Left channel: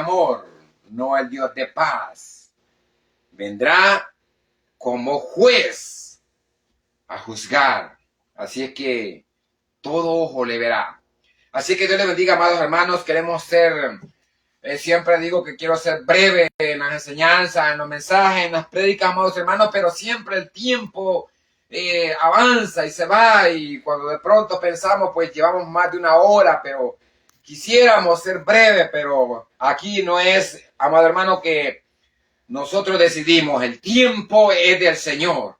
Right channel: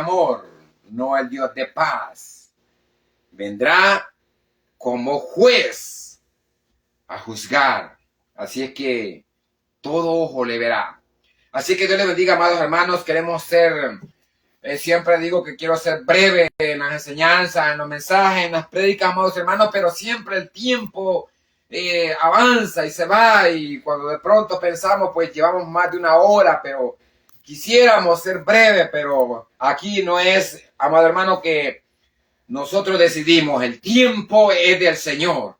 amor, no el Dios de paz. Vendrá como juez a juzgar. Así es que todo ojo le verá. Así que Dios les bendiga, amados hermanos. Queremos ser, siempre digo que quiero ser breve en las enseñanzas, en los mensajes, en las prédicas, amados hermanos, pero siempre el tiempo avanza y se va, y cuando de pronto pensamos, pues llevamos más de una hora, pero quisiéramos ser breve, pero aquí no es, amado hermano, que nosotros decidimos, el tiempo es del Señor.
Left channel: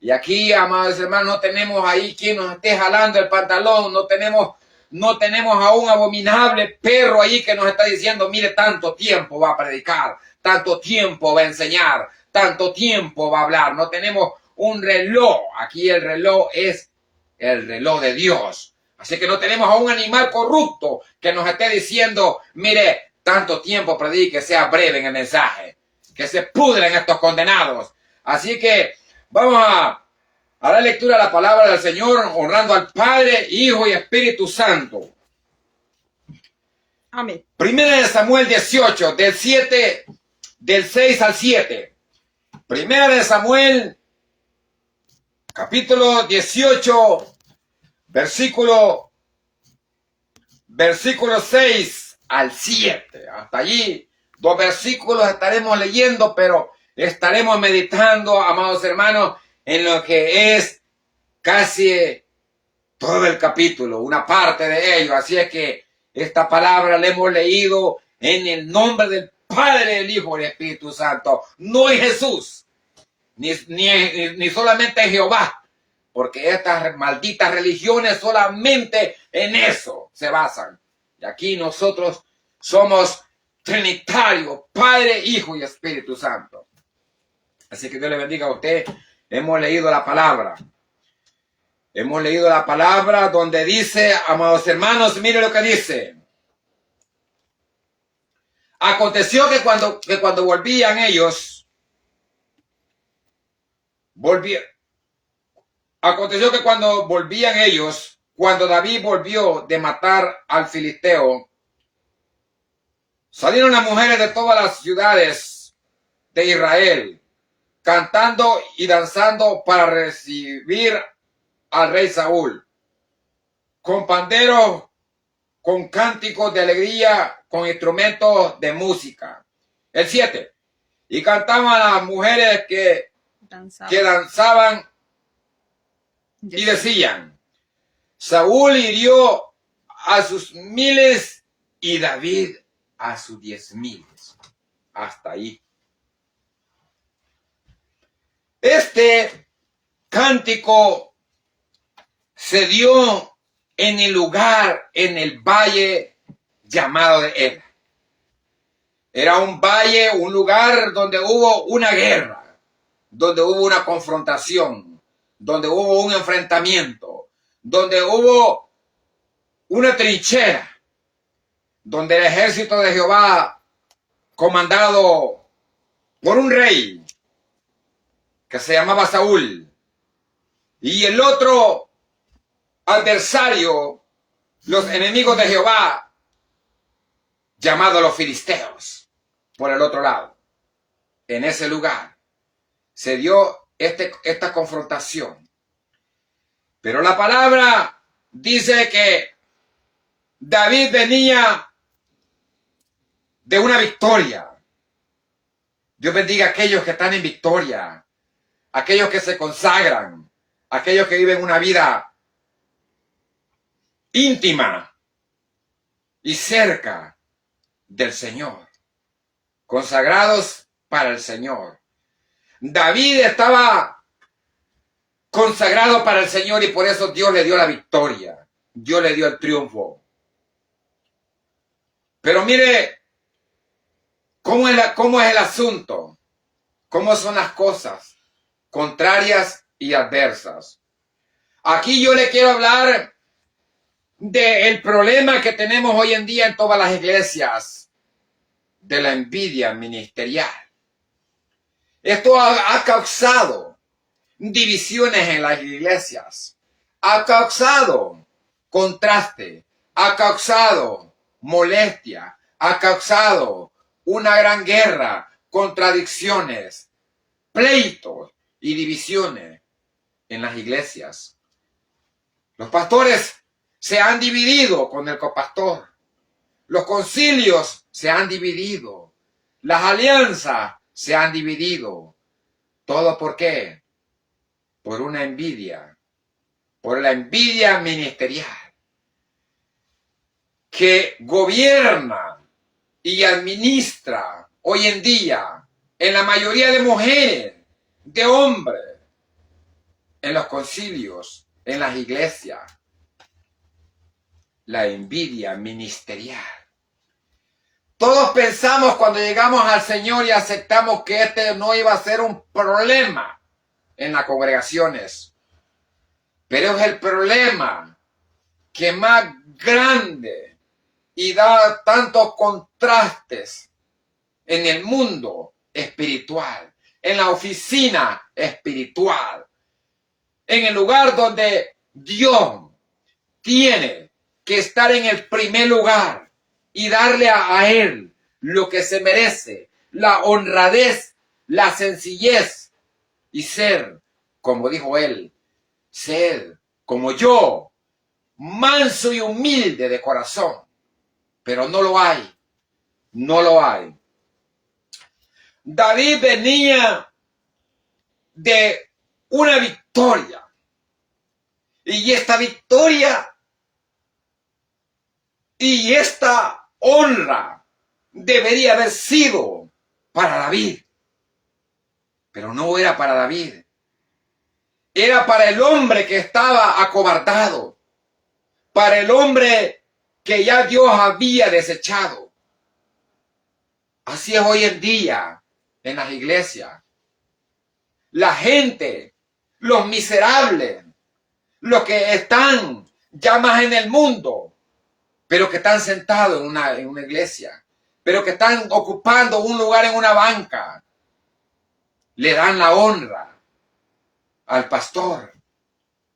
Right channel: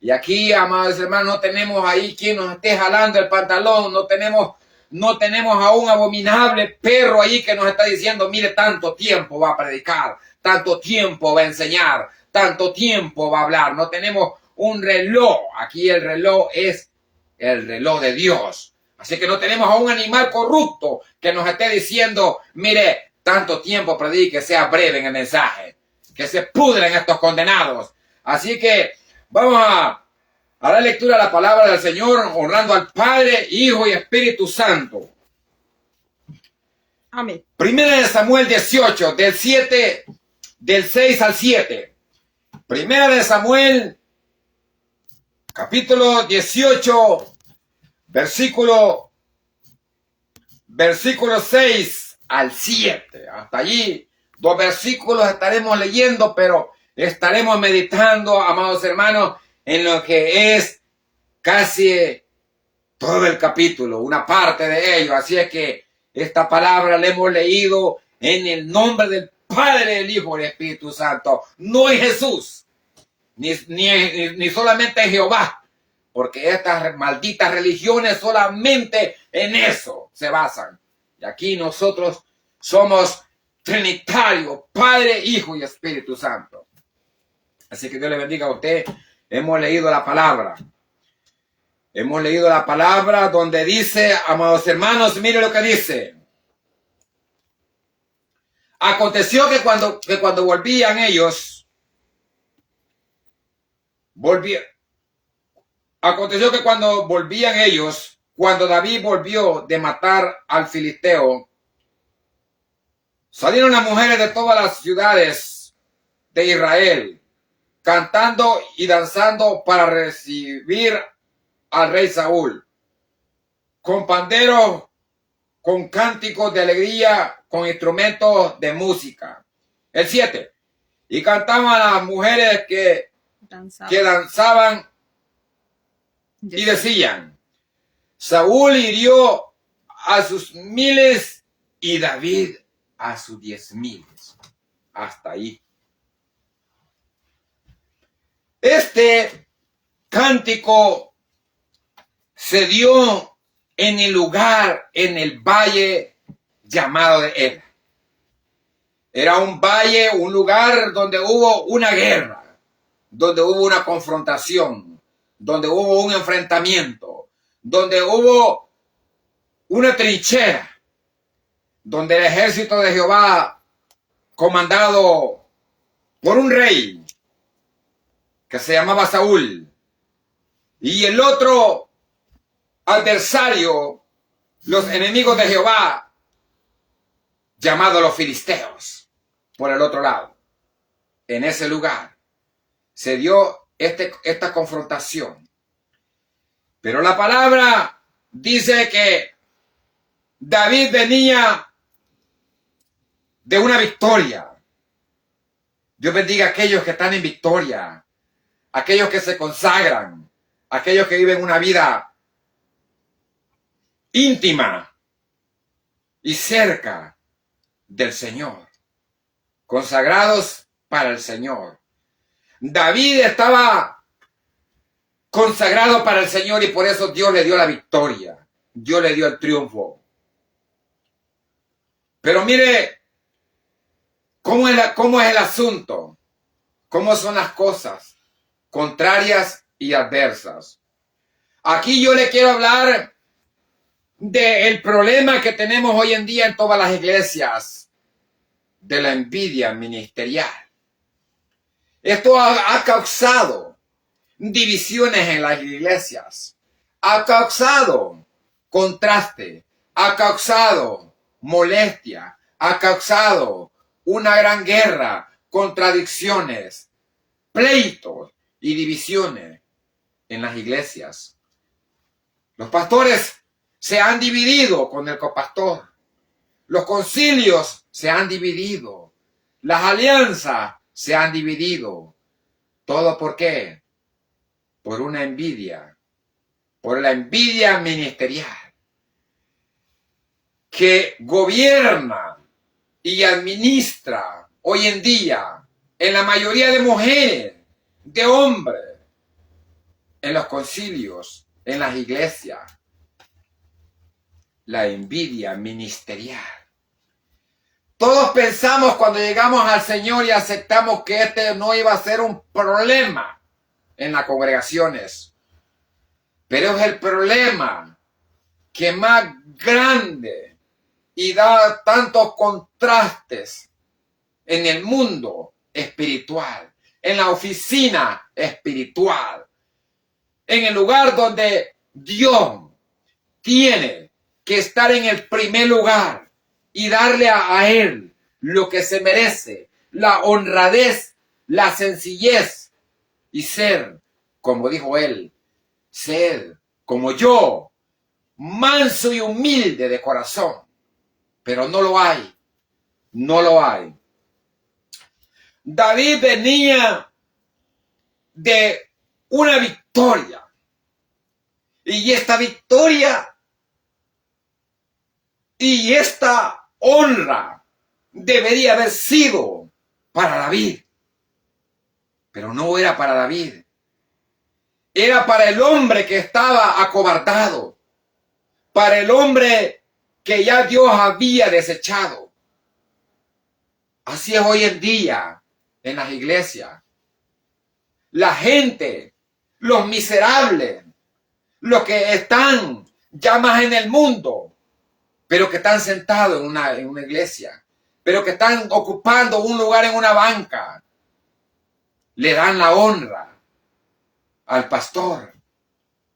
Y aquí, amados hermanos, no tenemos ahí quien nos esté jalando el pantalón, no tenemos a un abominable perro ahí que nos está diciendo, mire, tanto tiempo va a predicar, tanto tiempo va a enseñar, tanto tiempo va a hablar. No tenemos un reloj. Aquí el reloj es el reloj de Dios. Así que no tenemos a un animal corrupto que nos esté diciendo, mire, tanto tiempo predique, sea breve en el mensaje, que se pudren estos condenados. Así que vamos a dar lectura a la palabra del Señor, honrando al Padre, Hijo y Espíritu Santo. Amén. Primera de Samuel 18, del 6 al 7. Primera de Samuel, capítulo 18, versículo 6 al 7. Hasta allí, 2 versículos estaremos leyendo, pero estaremos meditando, amados hermanos, en lo que es casi todo el capítulo, una parte de ello. Así es que esta palabra la hemos leído en el nombre del Padre, el Hijo y el Espíritu Santo. No en Jesús, ni solamente en Jehová, porque estas malditas religiones solamente en eso se basan. Y aquí nosotros somos trinitarios, Padre, Hijo y Espíritu Santo. Así que Dios le bendiga a usted. Hemos leído la palabra. Hemos leído la palabra donde dice, amados hermanos, mire lo que dice. Aconteció que cuando volvían ellos, cuando David volvió de matar al filisteo, salieron las mujeres de todas las ciudades de Israel, cantando y danzando para recibir al rey Saúl, con panderos, con cánticos de alegría, con instrumentos de música. El 7. Y cantaban las mujeres que danzaban y decían, Saúl hirió a sus 1000 y David a sus 10,000. Hasta ahí. Este cántico se dio en el lugar, en el valle llamado de Ela. Era un valle, un lugar donde hubo una guerra, donde hubo una confrontación, donde hubo un enfrentamiento, donde hubo una trinchera, donde el ejército de Jehová, comandado por un rey que se llamaba Saúl, y el otro adversario, los enemigos de Jehová, llamados los filisteos, por el otro lado. En ese lugar se dio esta confrontación. Pero la palabra dice que David venía de una victoria. Dios bendiga a aquellos que están en victoria, aquellos que se consagran, aquellos que viven una vida íntima y cerca del Señor, consagrados para el Señor. David estaba consagrado para el Señor y por eso Dios le dio la victoria, Dios le dio el triunfo. Pero mire cómo es el asunto, cómo son las cosas contrarias y adversas. Aquí yo le quiero hablar del problema que tenemos hoy en día en todas las iglesias, de la envidia ministerial. Esto ha causado divisiones en las iglesias, ha causado contraste, ha causado molestia, ha causado una gran guerra, contradicciones, pleitos y divisiones en las iglesias. Los pastores se han dividido con el copastor. Los concilios se han dividido. Las alianzas se han dividido. ¿Todo por qué? Por una envidia. Por la envidia ministerial que gobierna y administra hoy en día en la mayoría de mujeres, de hombres, en los concilios, en las iglesias. La envidia ministerial. Todos pensamos cuando llegamos al Señor y aceptamos que este no iba a ser un problema en las congregaciones. Pero es el problema que más grande y da tantos contrastes en el mundo espiritual, en la oficina espiritual, en el lugar donde Dios tiene que estar en el primer lugar y darle a Él lo que se merece, la honradez, la sencillez y ser, como dijo Él, ser como yo, manso y humilde de corazón. Pero no lo hay, no lo hay. David venía de una victoria y esta victoria y esta honra debería haber sido para David. Pero no era para David. Era para el hombre que estaba acobardado. Para el hombre que ya Dios había desechado. Así es hoy en día en las iglesias. La gente, los miserables, los que están ya más en el mundo, pero que están sentados en una iglesia, pero que están ocupando un lugar en una banca, le dan la honra al pastor,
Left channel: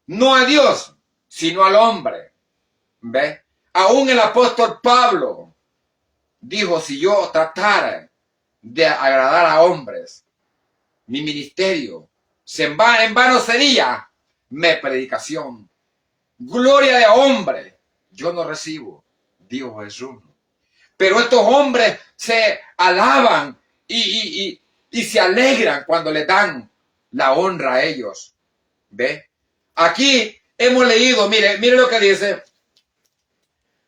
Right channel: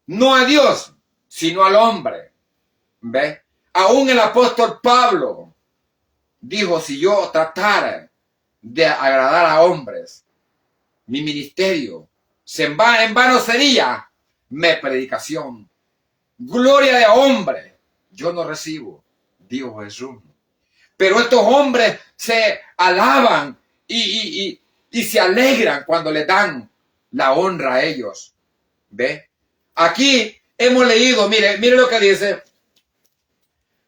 no a Dios, sino al hombre. ¿Ve? Aún el apóstol Pablo dijo, si yo tratara de agradar a hombres, mi ministerio en vano sería mi predicación. Gloria de hombre yo no recibo, dijo Jesús. Pero estos hombres se alaban y se alegran cuando le dan la honra a ellos. ¿Ve? Aquí hemos leído, mire lo que dice,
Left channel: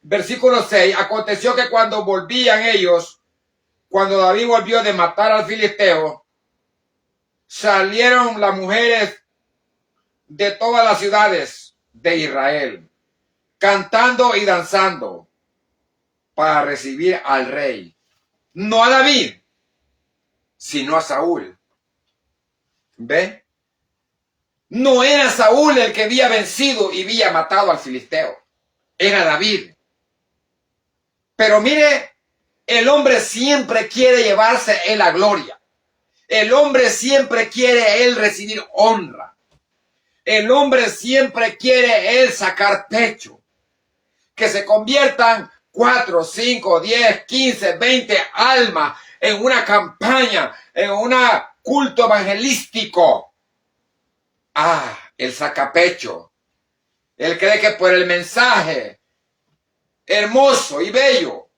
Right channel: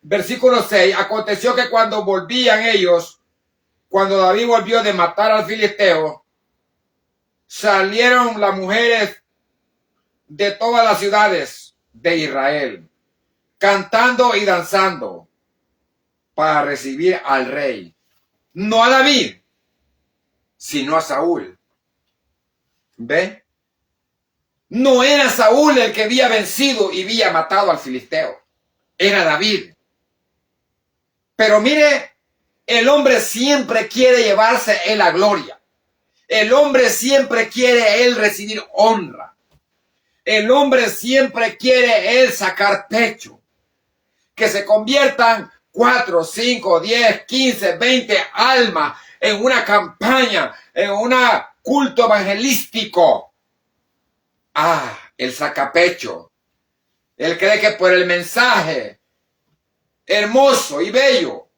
versículo 6, aconteció que cuando volvían ellos, cuando David volvió de matar al filisteo, salieron las mujeres de todas las ciudades de Israel, cantando y danzando para recibir al rey. No a David, sino a Saúl. ¿Ven? No era Saúl el que había vencido y había matado al filisteo. Era David. Pero mire, el hombre siempre quiere llevarse en la gloria. El hombre siempre quiere él recibir honra. El hombre siempre quiere él sacar pecho. Que se conviertan 4, 5, 10, 15, 20 almas en una campaña, en un culto evangelístico. El sacapecho. Él cree que por el mensaje hermoso y bello,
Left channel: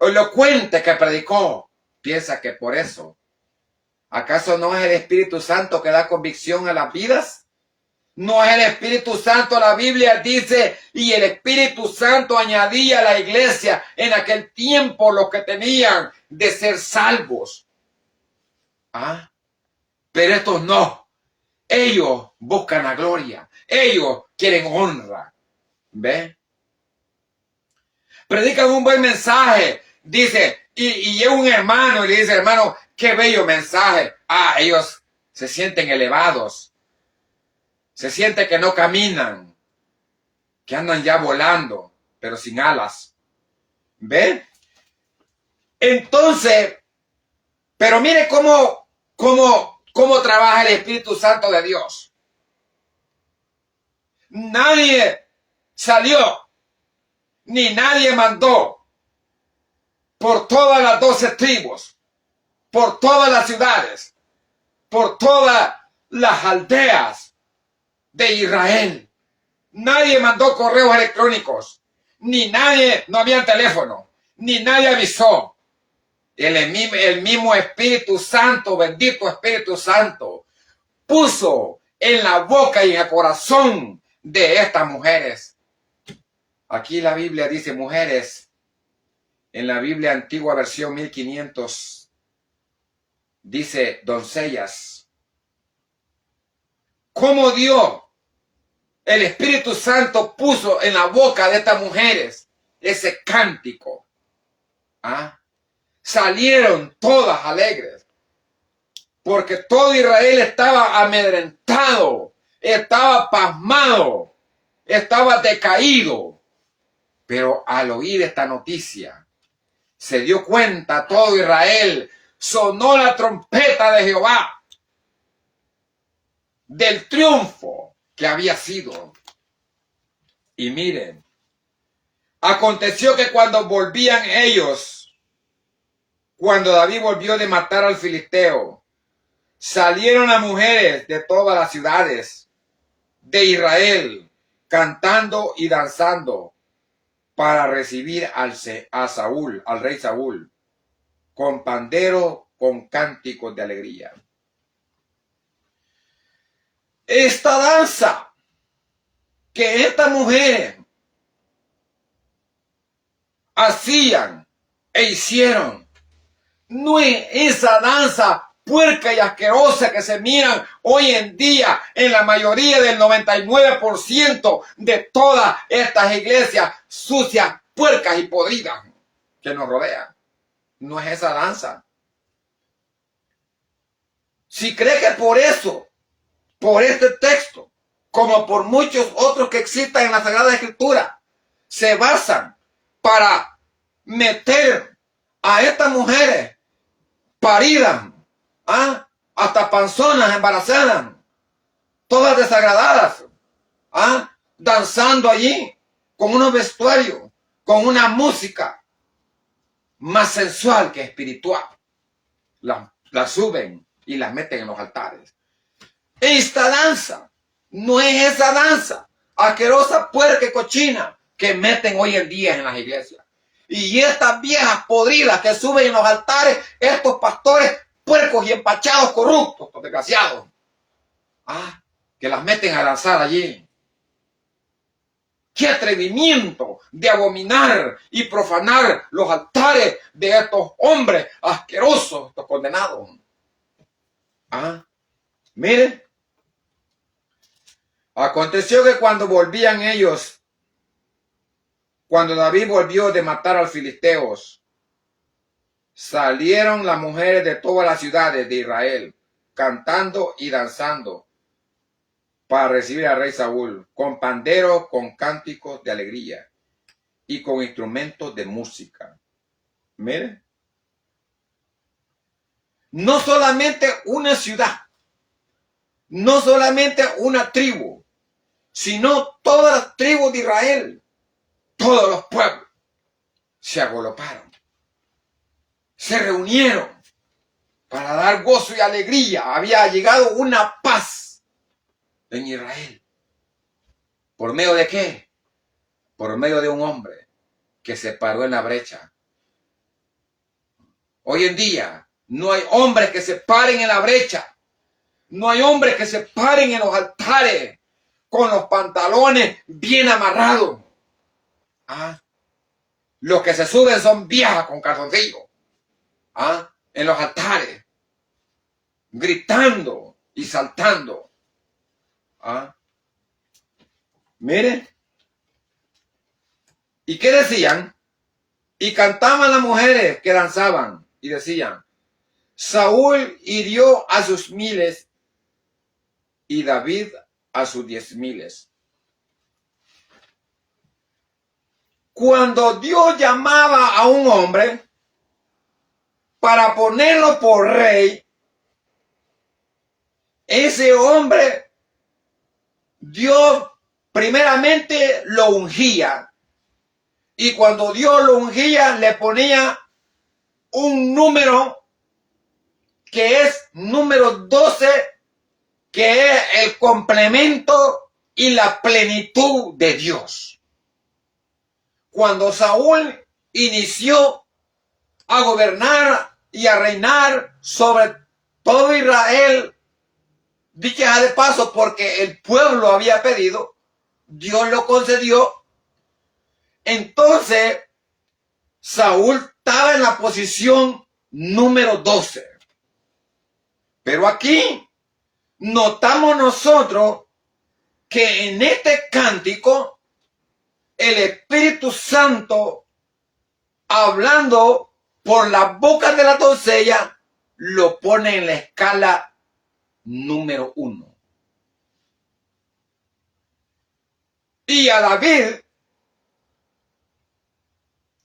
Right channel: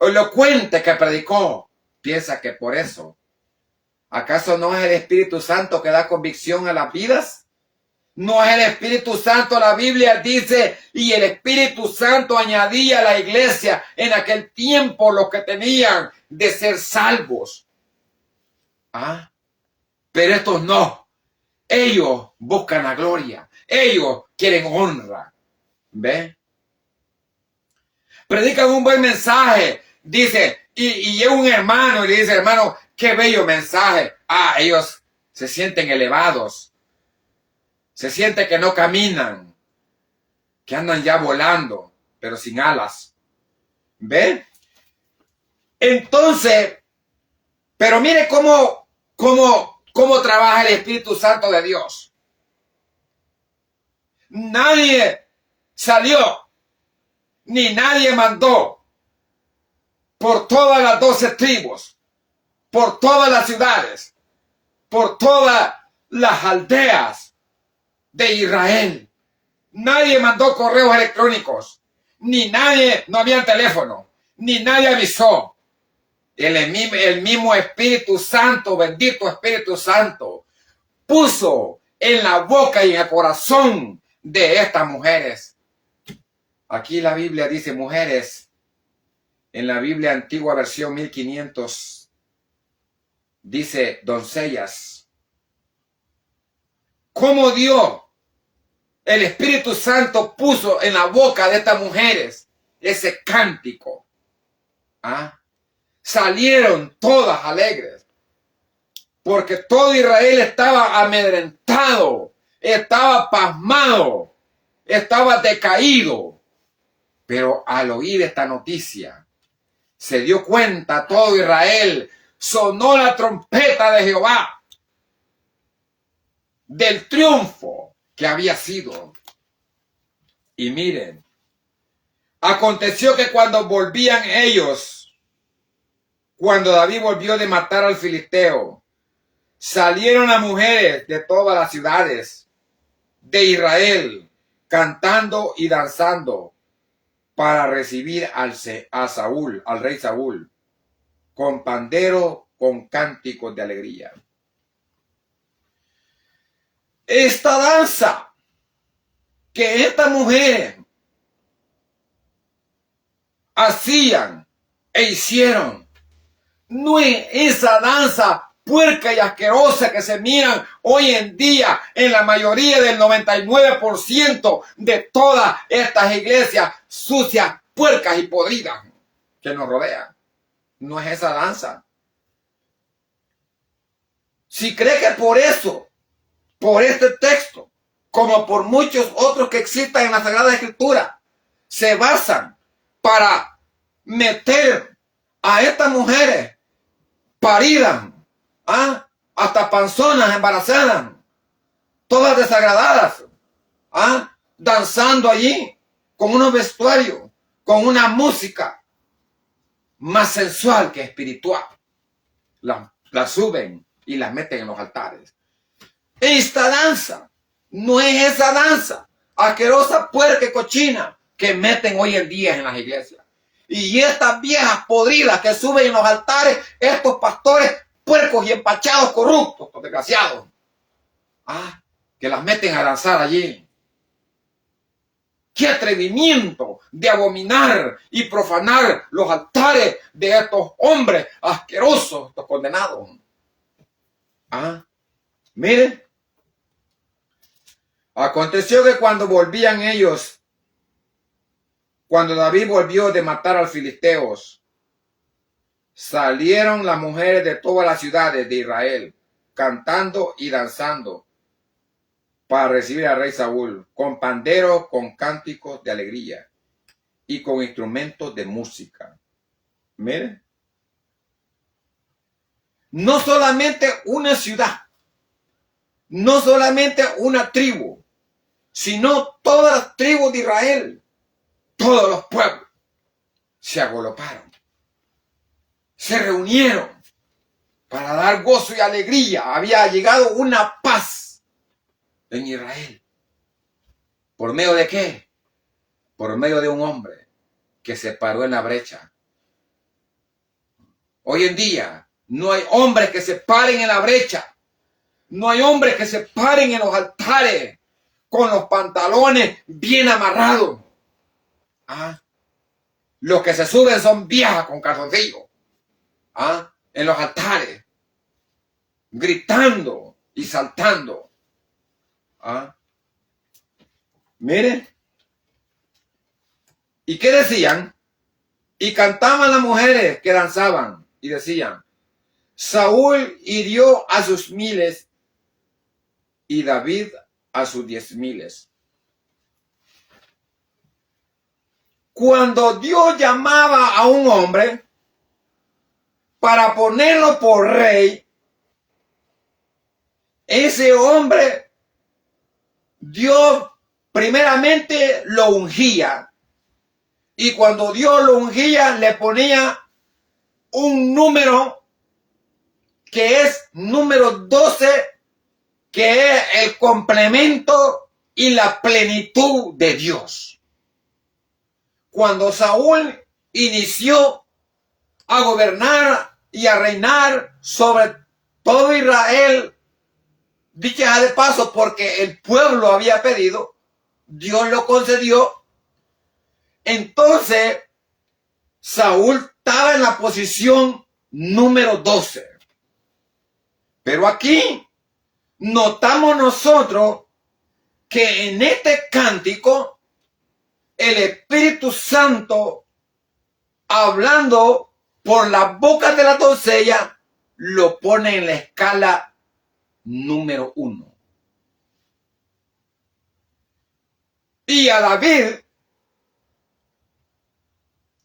elocuente que predicó, piensa que por eso. ¿Acaso no es el Espíritu Santo que da convicción a las vidas? No es el Espíritu Santo, la Biblia dice, y el Espíritu Santo añadía a la iglesia en aquel tiempo los que tenían de ser salvos. Pero estos no. Ellos buscan la gloria. Ellos quieren honra. ¿Ven? Predican un buen mensaje. Dice, y llega un hermano y le dice, hermano, qué bello mensaje. Ellos se sienten elevados. Se siente que no caminan, que andan ya volando, pero sin alas. ¿Ven? Entonces, pero mire cómo trabaja el Espíritu Santo de Dios. Nadie salió, ni nadie mandó por todas las 12 tribus, por todas las ciudades, por todas las aldeas de Israel. Nadie mandó correos electrónicos, ni nadie, no había teléfono, ni nadie avisó. El mismo Espíritu Santo, bendito Espíritu Santo, puso en la boca y en el corazón de estas mujeres. Aquí la Biblia dice mujeres. En la Biblia antigua versión 1500 dice doncellas. ¿Cómo Dios, el Espíritu Santo, puso en la boca de estas mujeres ese cántico? Salieron todas alegres, porque todo Israel estaba amedrentado, estaba pasmado, estaba decaído. Pero al oír esta noticia, se dio cuenta todo Israel, sonó la trompeta de Jehová, del triunfo que había sido. Y miren, aconteció que cuando volvían ellos, cuando David volvió de matar al filisteo, salieron las mujeres de todas las ciudades de Israel, cantando y danzando, para recibir a Saúl, al rey Saúl, con pandero, con cánticos de alegría. Esta danza que estas mujeres hacían e hicieron, no es esa danza puerca y asquerosa que se miran hoy en día en la mayoría del 99% de todas estas iglesias sucias, puercas y podridas que nos rodean. No es esa danza. Si cree que por eso, por este texto, como por muchos otros que existan en la Sagrada Escritura, se basan para meter a estas mujeres paridas, hasta panzonas embarazadas, todas desagradadas, danzando allí con unos vestuarios, con una música más sensual que espiritual. La suben y las meten en los altares. Esta danza no es esa danza asquerosa, puerca y cochina que meten hoy en día en las iglesias. Y estas viejas podridas que suben en los altares, estos pastores puercos y empachados, corruptos, desgraciados, que las meten a danzar allí. ¡Qué atrevimiento de abominar y profanar los altares de estos hombres asquerosos, estos condenados! Miren, aconteció que cuando volvían ellos, cuando David volvió de matar a los filisteos, salieron las mujeres de todas las ciudades de Israel, cantando y danzando, para recibir al rey Saúl, con panderos, con cánticos de alegría y con instrumentos de música. Miren, no solamente una ciudad, no solamente una tribu, sino todas las tribus de Israel, todos los pueblos se agolparon, se reunieron para dar gozo y alegría. Había llegado una paz en Israel. ¿Por medio de qué? Por medio de un hombre que se paró en la brecha. Hoy en día no hay hombres que se paren en la brecha. No hay hombres que se paren en los altares con los pantalones bien amarrados. Los que se suben son viejas con calzoncillos. En los altares, gritando y saltando. Miren. ¿Y qué decían? Y cantaban las mujeres que danzaban y decían: Saúl hirió a sus 1000 y David a sus 10,000. Cuando Dios llamaba a un hombre para ponerlo por rey, ese hombre, Dios primeramente lo ungía. Y cuando Dios lo ungía, le ponía un número que es número 12, que es el complemento y la plenitud de Dios. Cuando Saúl inició a gobernar y a reinar sobre todo Israel, dicha de paso, porque el pueblo había pedido, Dios lo concedió. Entonces, Saúl estaba en la posición número 12. Pero aquí notamos nosotros que en este cántico el Espíritu Santo, hablando por la boca de la doncella, lo pone en la escala número 1. Y a David,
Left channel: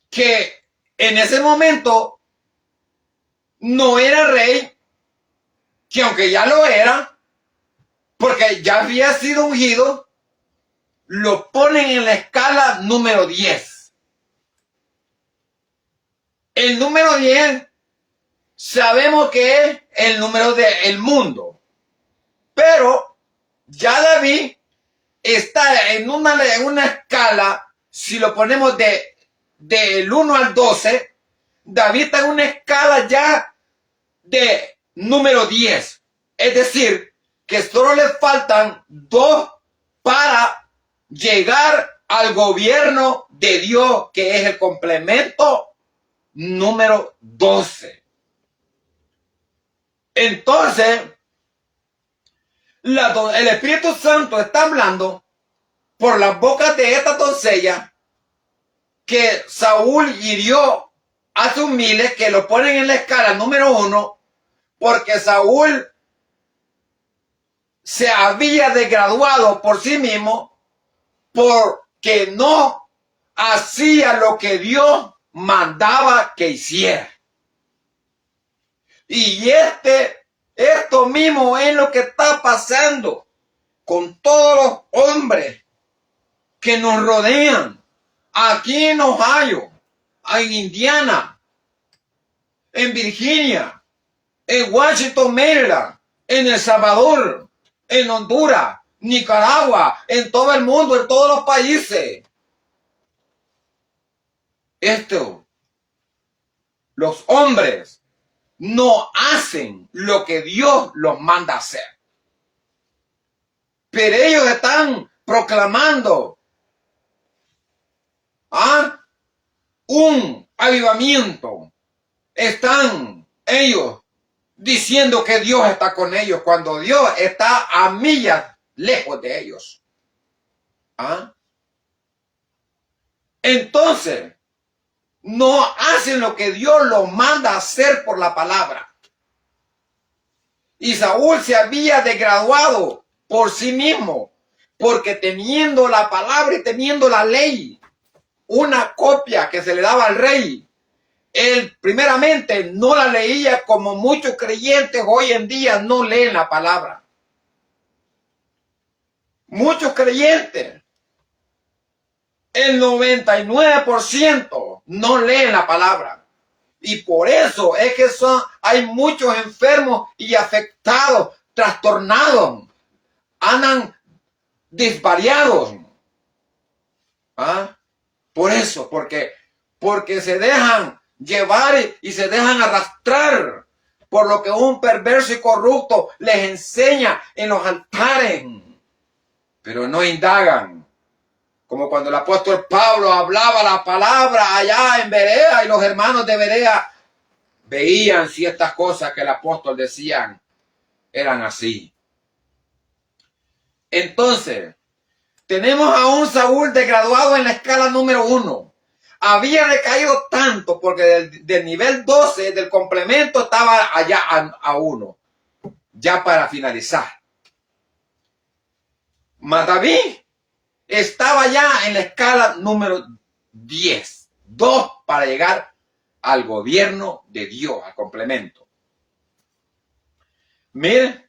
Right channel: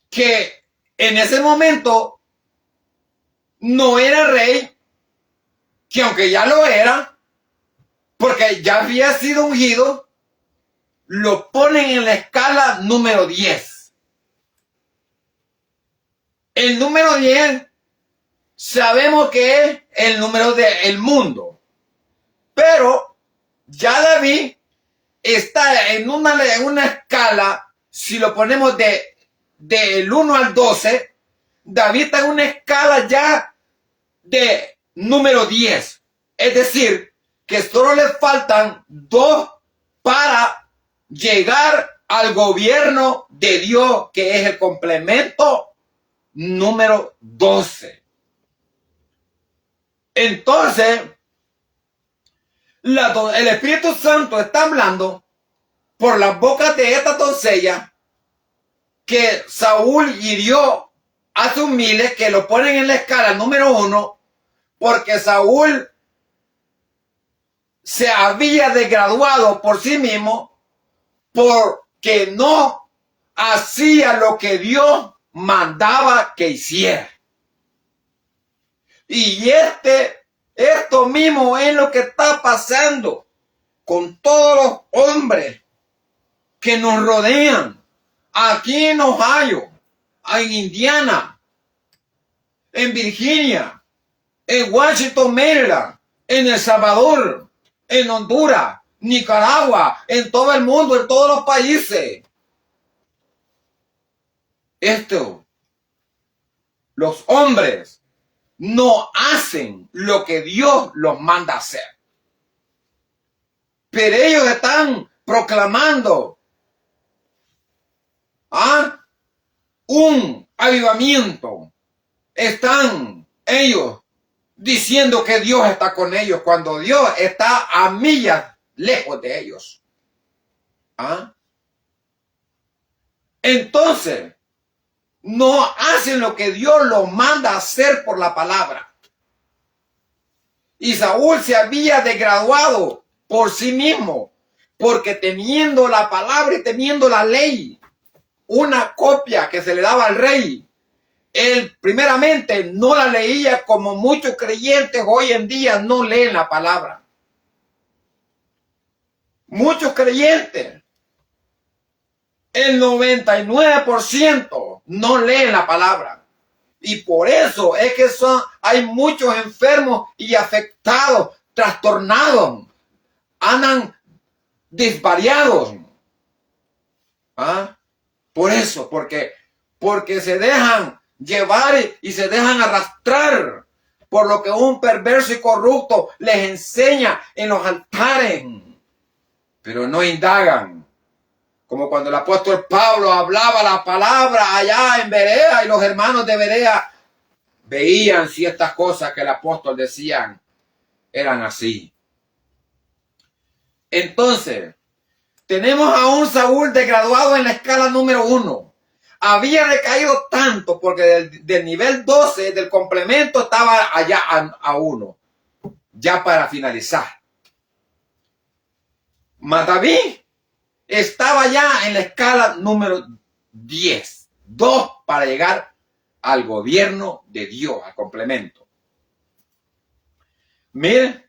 que en ese momento no era rey, que aunque ya lo era, porque ya había sido ungido, lo ponen en la escala número 10. El número 10 sabemos que es el número del mundo, pero ya David está en una escala, si lo ponemos del 1 al 12, David está en una escala ya de número 10. Es decir, que solo le faltan 2 para llegar al gobierno de Dios, que es el complemento número 12. Entonces, el Espíritu Santo está hablando por las bocas de esta doncella que Saúl hirió a sus miles, que lo ponen en la escala número 1, porque Saúl se había desgraduado por sí mismo porque no hacía lo que Dios mandaba que hiciera. Y esto mismo es lo que está pasando con todos los hombres que nos rodean. Aquí en Ohio, en Indiana, en Virginia, en Washington, Maryland, en El Salvador, en Honduras, Nicaragua, en todo el mundo, en todos los países. Los hombres no hacen lo que Dios los manda hacer. Pero ellos están proclamando un avivamiento. Están ellos diciendo que Dios está con ellos cuando Dios está a millas lejos de ellos. Entonces, no hacen lo que Dios los manda hacer por la palabra. Y Saúl se había desgraduado por sí mismo, porque teniendo la palabra y teniendo la ley, una copia que se le daba al rey, él primeramente no la leía como muchos creyentes hoy en día no leen la palabra. Muchos creyentes, el 99% no leen la palabra. Y por eso es que hay muchos enfermos y afectados, trastornados, andan desvariados. Por eso, porque se dejan llevar y se dejan arrastrar por lo que un perverso y corrupto les enseña en los altares, pero no indagan. Como cuando el apóstol Pablo hablaba la palabra allá en Berea y los hermanos de Berea veían si estas cosas que el apóstol decía eran así. Entonces, tenemos a un Saúl desgraduado en la escala número 1. Había recaído tanto porque del nivel 12 del complemento estaba allá a 1. Ya para finalizar. Mas David estaba ya en la escala número 10. 2 para llegar al gobierno de Dios, al complemento. Miren.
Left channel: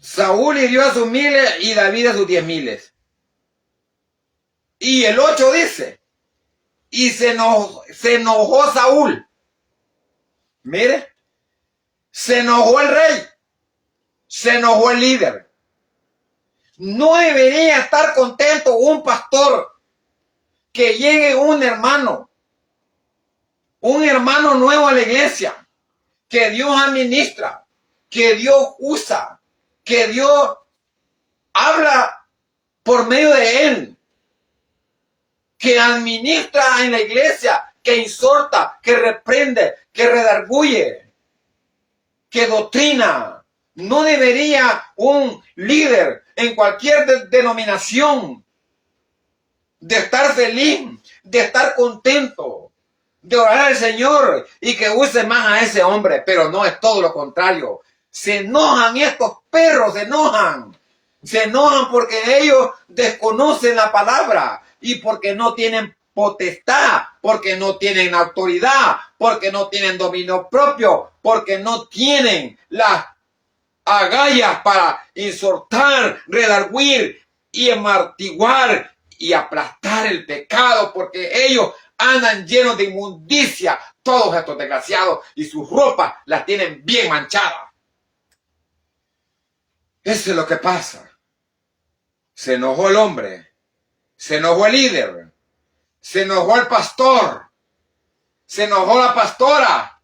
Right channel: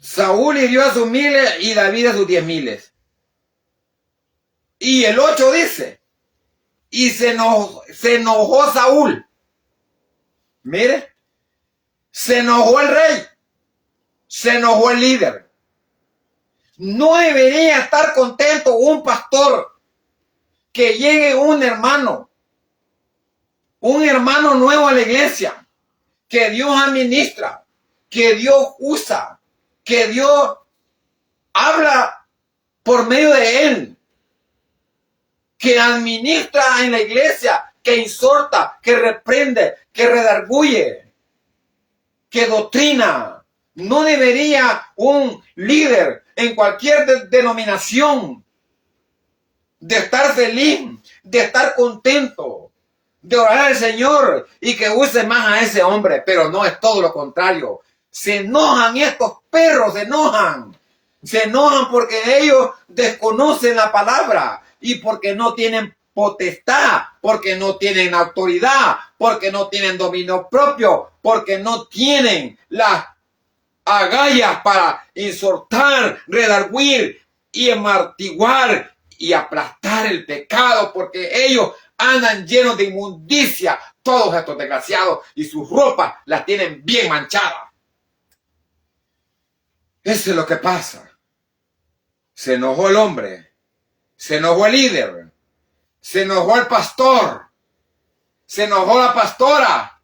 Saúl hirió a sus miles y David a sus 10,000. Y el 8 dice, y se enojó Saúl. Mire, se enojó el rey, se enojó el líder. No debería estar contento un pastor que llegue un hermano nuevo a la iglesia, que Dios administra, que Dios usa, que Dios habla por medio de él, que administra en la iglesia, que exhorta, que reprende, que redarguye, que doctrina. No debería un líder en cualquier denominación de estar feliz, de estar contento, de orar al Señor y que use más a ese hombre, pero no, es todo lo contrario. Se enojan estos perros, se enojan porque ellos desconocen la palabra y porque no tienen potestad, porque no tienen autoridad, porque no tienen dominio propio, porque no tienen las agallas para exhortar, redarguir y amartiguar y aplastar el pecado, porque ellos andan llenos de inmundicia, todos estos desgraciados, y sus ropas las tienen bien manchadas. Eso es lo que pasa. Se enojó el hombre, se enojó el líder, se enojó el pastor, se enojó la pastora,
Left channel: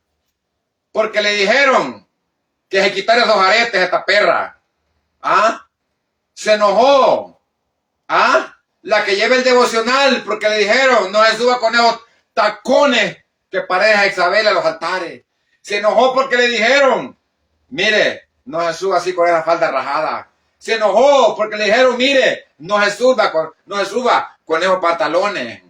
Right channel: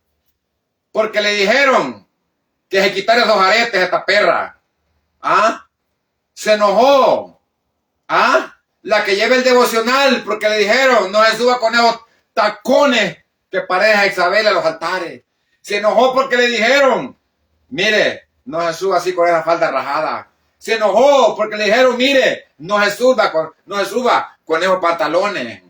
porque le dijeron que se quitara esos aretes a esta perra. Se enojó. La que lleva el devocional, porque le dijeron, no se suba con esos tacones que pareja Isabel a los altares. Se enojó porque le dijeron, mire, no se suba así con esa falda rajada. Se enojó porque le dijeron, mire, no se suba con esos pantalones.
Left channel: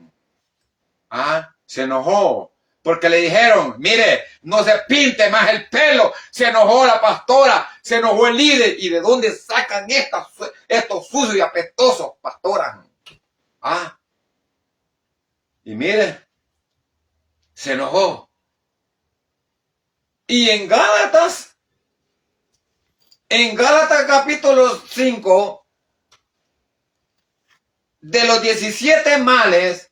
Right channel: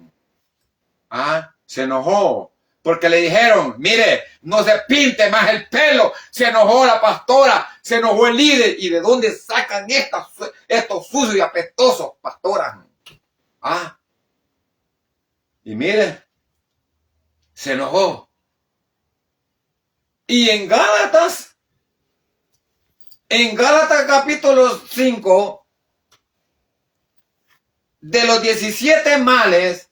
Se enojó porque le dijeron, mire, no se pinte más el pelo. Se enojó la pastora, se enojó el líder. ¿Y de dónde sacan estos sucios y apestosos pastoras? Y mire, se enojó. Y en Gálatas capítulo 5, de los 17 males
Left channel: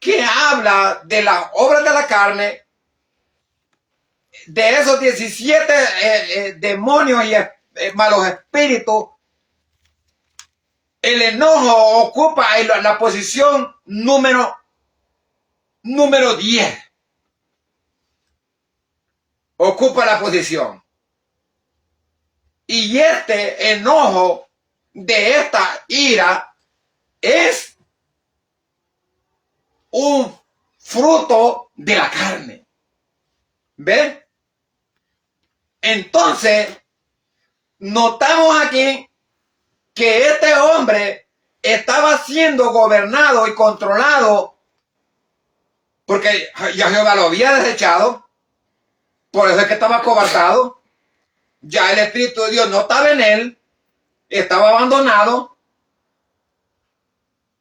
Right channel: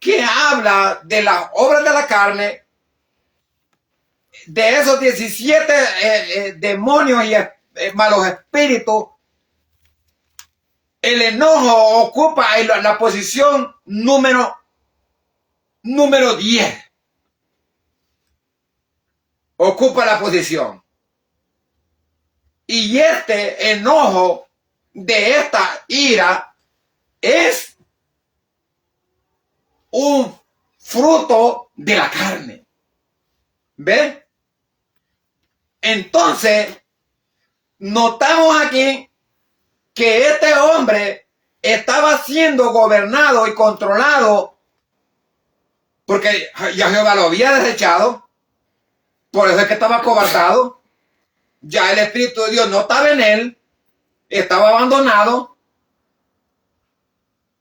que habla de las obras de la carne, de esos 17 demonios y malos espíritus, el enojo ocupa la posición número 10. Ocupa la posición. Y este enojo de esta ira es un fruto de la carne. ¿Ven? Entonces, notamos aquí que este hombre estaba siendo gobernado y controlado porque ya Jehová lo había desechado, por eso es que estaba acobardado, ya el Espíritu de Dios no estaba en él, estaba abandonado.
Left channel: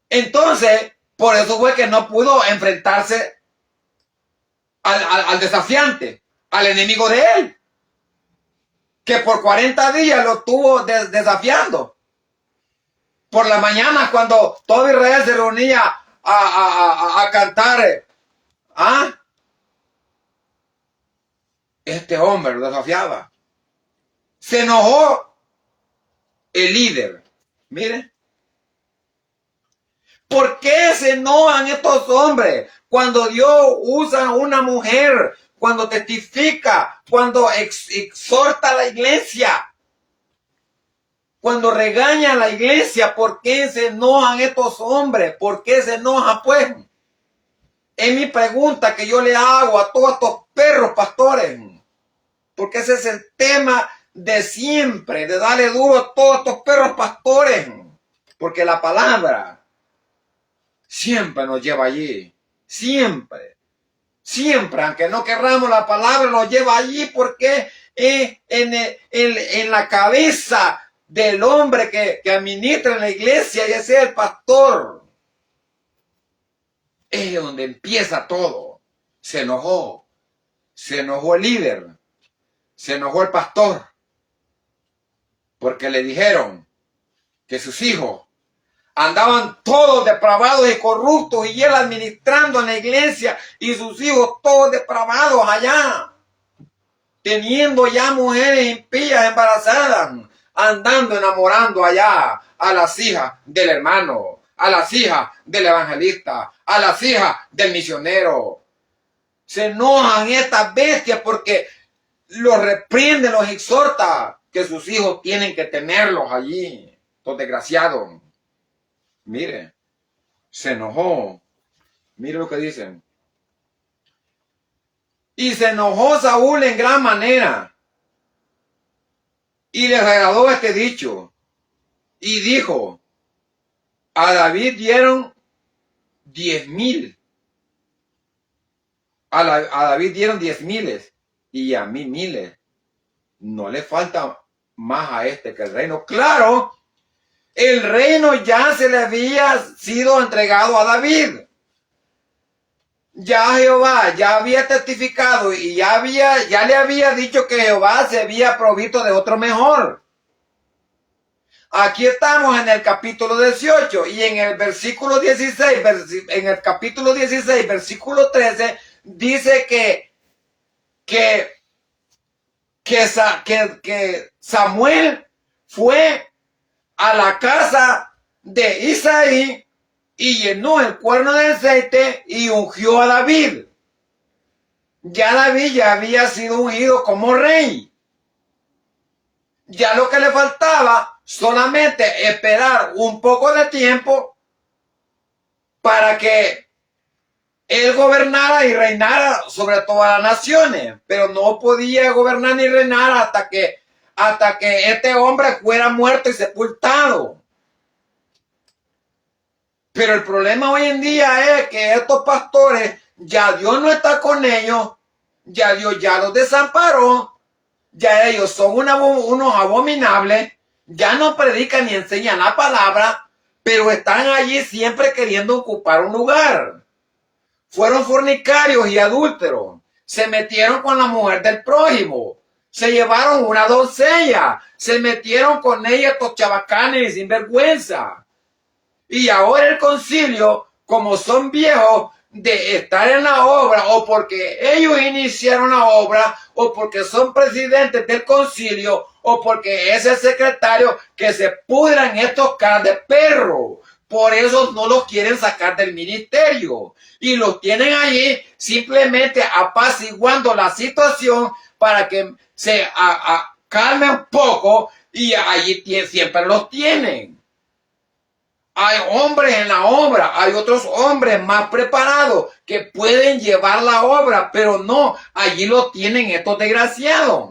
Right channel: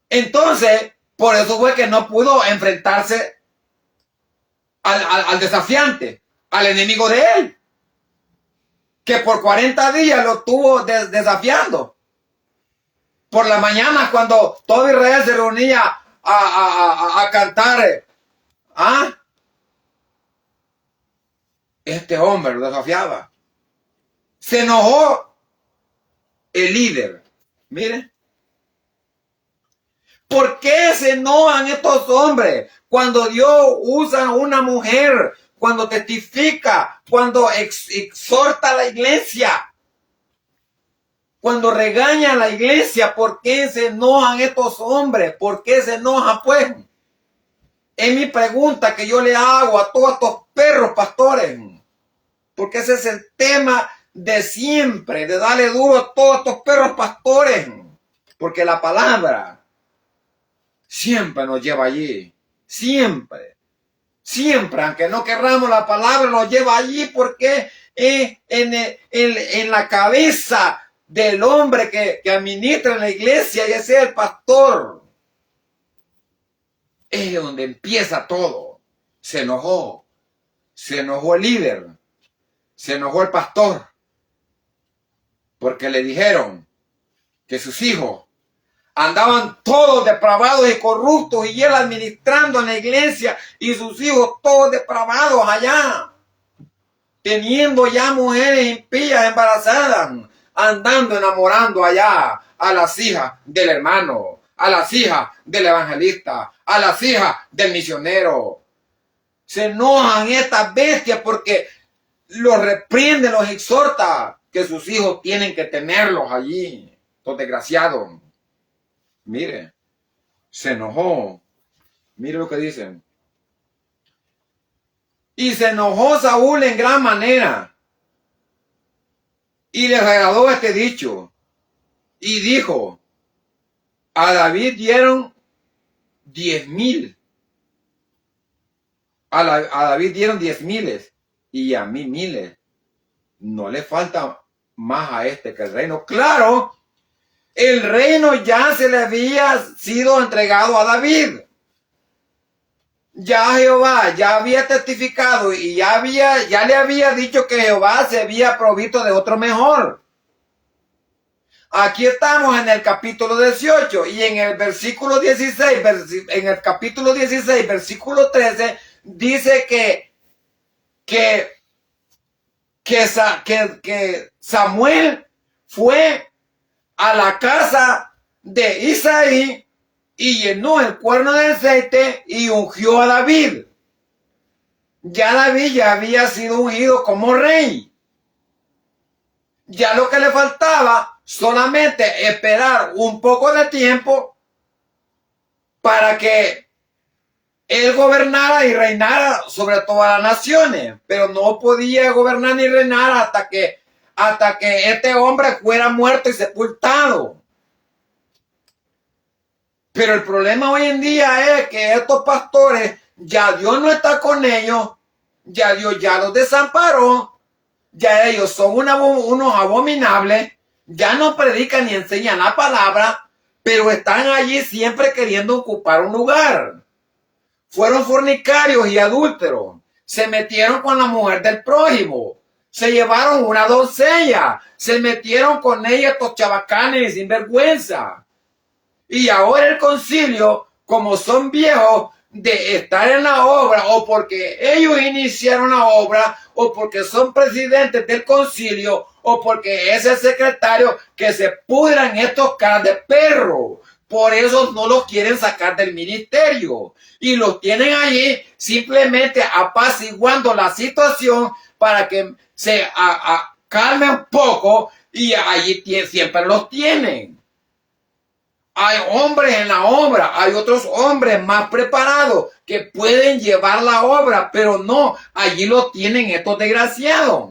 Entonces, por eso fue que no pudo enfrentarse al desafiante, al enemigo de él, que por 40 días lo estuvo desafiando. Por la mañana, cuando todo Israel se reunía a cantar, este hombre lo desafiaba. Se enojó el líder. Mire, ¿por qué se enojan estos hombres cuando Dios usa a una mujer, cuando testifica, cuando exhorta a la iglesia? Cuando regaña a la iglesia, ¿por qué se enojan estos hombres? ¿Por qué se enojan, pues? Es mi pregunta que yo le hago a todos estos perros pastores. Porque ese es el tema de siempre, de darle duro a todos estos perros pastores. Porque la palabra siempre nos lleva allí. Siempre. Siempre, aunque no querramos, la palabra nos lleva allí porque en la cabeza del hombre que administra en la iglesia, ya sea el pastor, es donde empieza todo. Se enojó el líder, se enojó el pastor, porque le dijeron que sus hijos Andaban todos depravados y corruptos y él administrando en la iglesia y sus hijos todos depravados allá, teniendo ya mujeres impías embarazadas, andando enamorando allá a las hijas del hermano, a las hijas del evangelista, a las hijas del misionero. Se enojan estas bestias porque los reprienden, los exhorta que sus hijos tienen que tenerlos allí, los desgraciados. Mire, se enojó. Mire lo que dicen. Y se enojó Saúl en gran manera. Y le regaló este dicho. Y dijo, a David dieron 10,000. A David dieron 10,000 y a mí 1,000. No le falta más a este que el reino. Claro, el reino ya se le había sido entregado a David. Ya Jehová ya había testificado y ya le había dicho que Jehová se había provisto de otro mejor. Aquí estamos en el capítulo 18 y en el versículo 16, en el capítulo 16, versículo 13, dice que Samuel fue a la casa de Isaí y llenó el cuerno de aceite y ungió a David. Ya David ya había sido ungido como rey. Ya lo que le faltaba solamente esperar un poco de tiempo para que él gobernara y reinara sobre todas las naciones. Pero no podía gobernar ni reinar hasta que este hombre fuera muerto y sepultado. Pero el problema hoy en día es que estos pastores, ya Dios no está con ellos, ya Dios ya los desamparó, ya ellos son unos abominables, ya no predican ni enseñan la palabra, pero están allí siempre queriendo ocupar un lugar. Fueron fornicarios y adúlteros, se metieron con la mujer del prójimo, se llevaron una doncella, se metieron con ella estos chabacanes y sinvergüenza. Y ahora el concilio, como son viejos de estar en la obra, o porque ellos iniciaron la obra, o porque son presidentes del concilio, o porque es el secretario, que se pudran estos caras de perro. Por eso no los quieren sacar del ministerio. Y los tienen ahí simplemente apaciguando la situación para que se calme un poco, y allí siempre los tienen. Hay hombres en la obra, hay otros hombres más preparados que pueden llevar la obra, pero no, allí lo tienen estos desgraciados.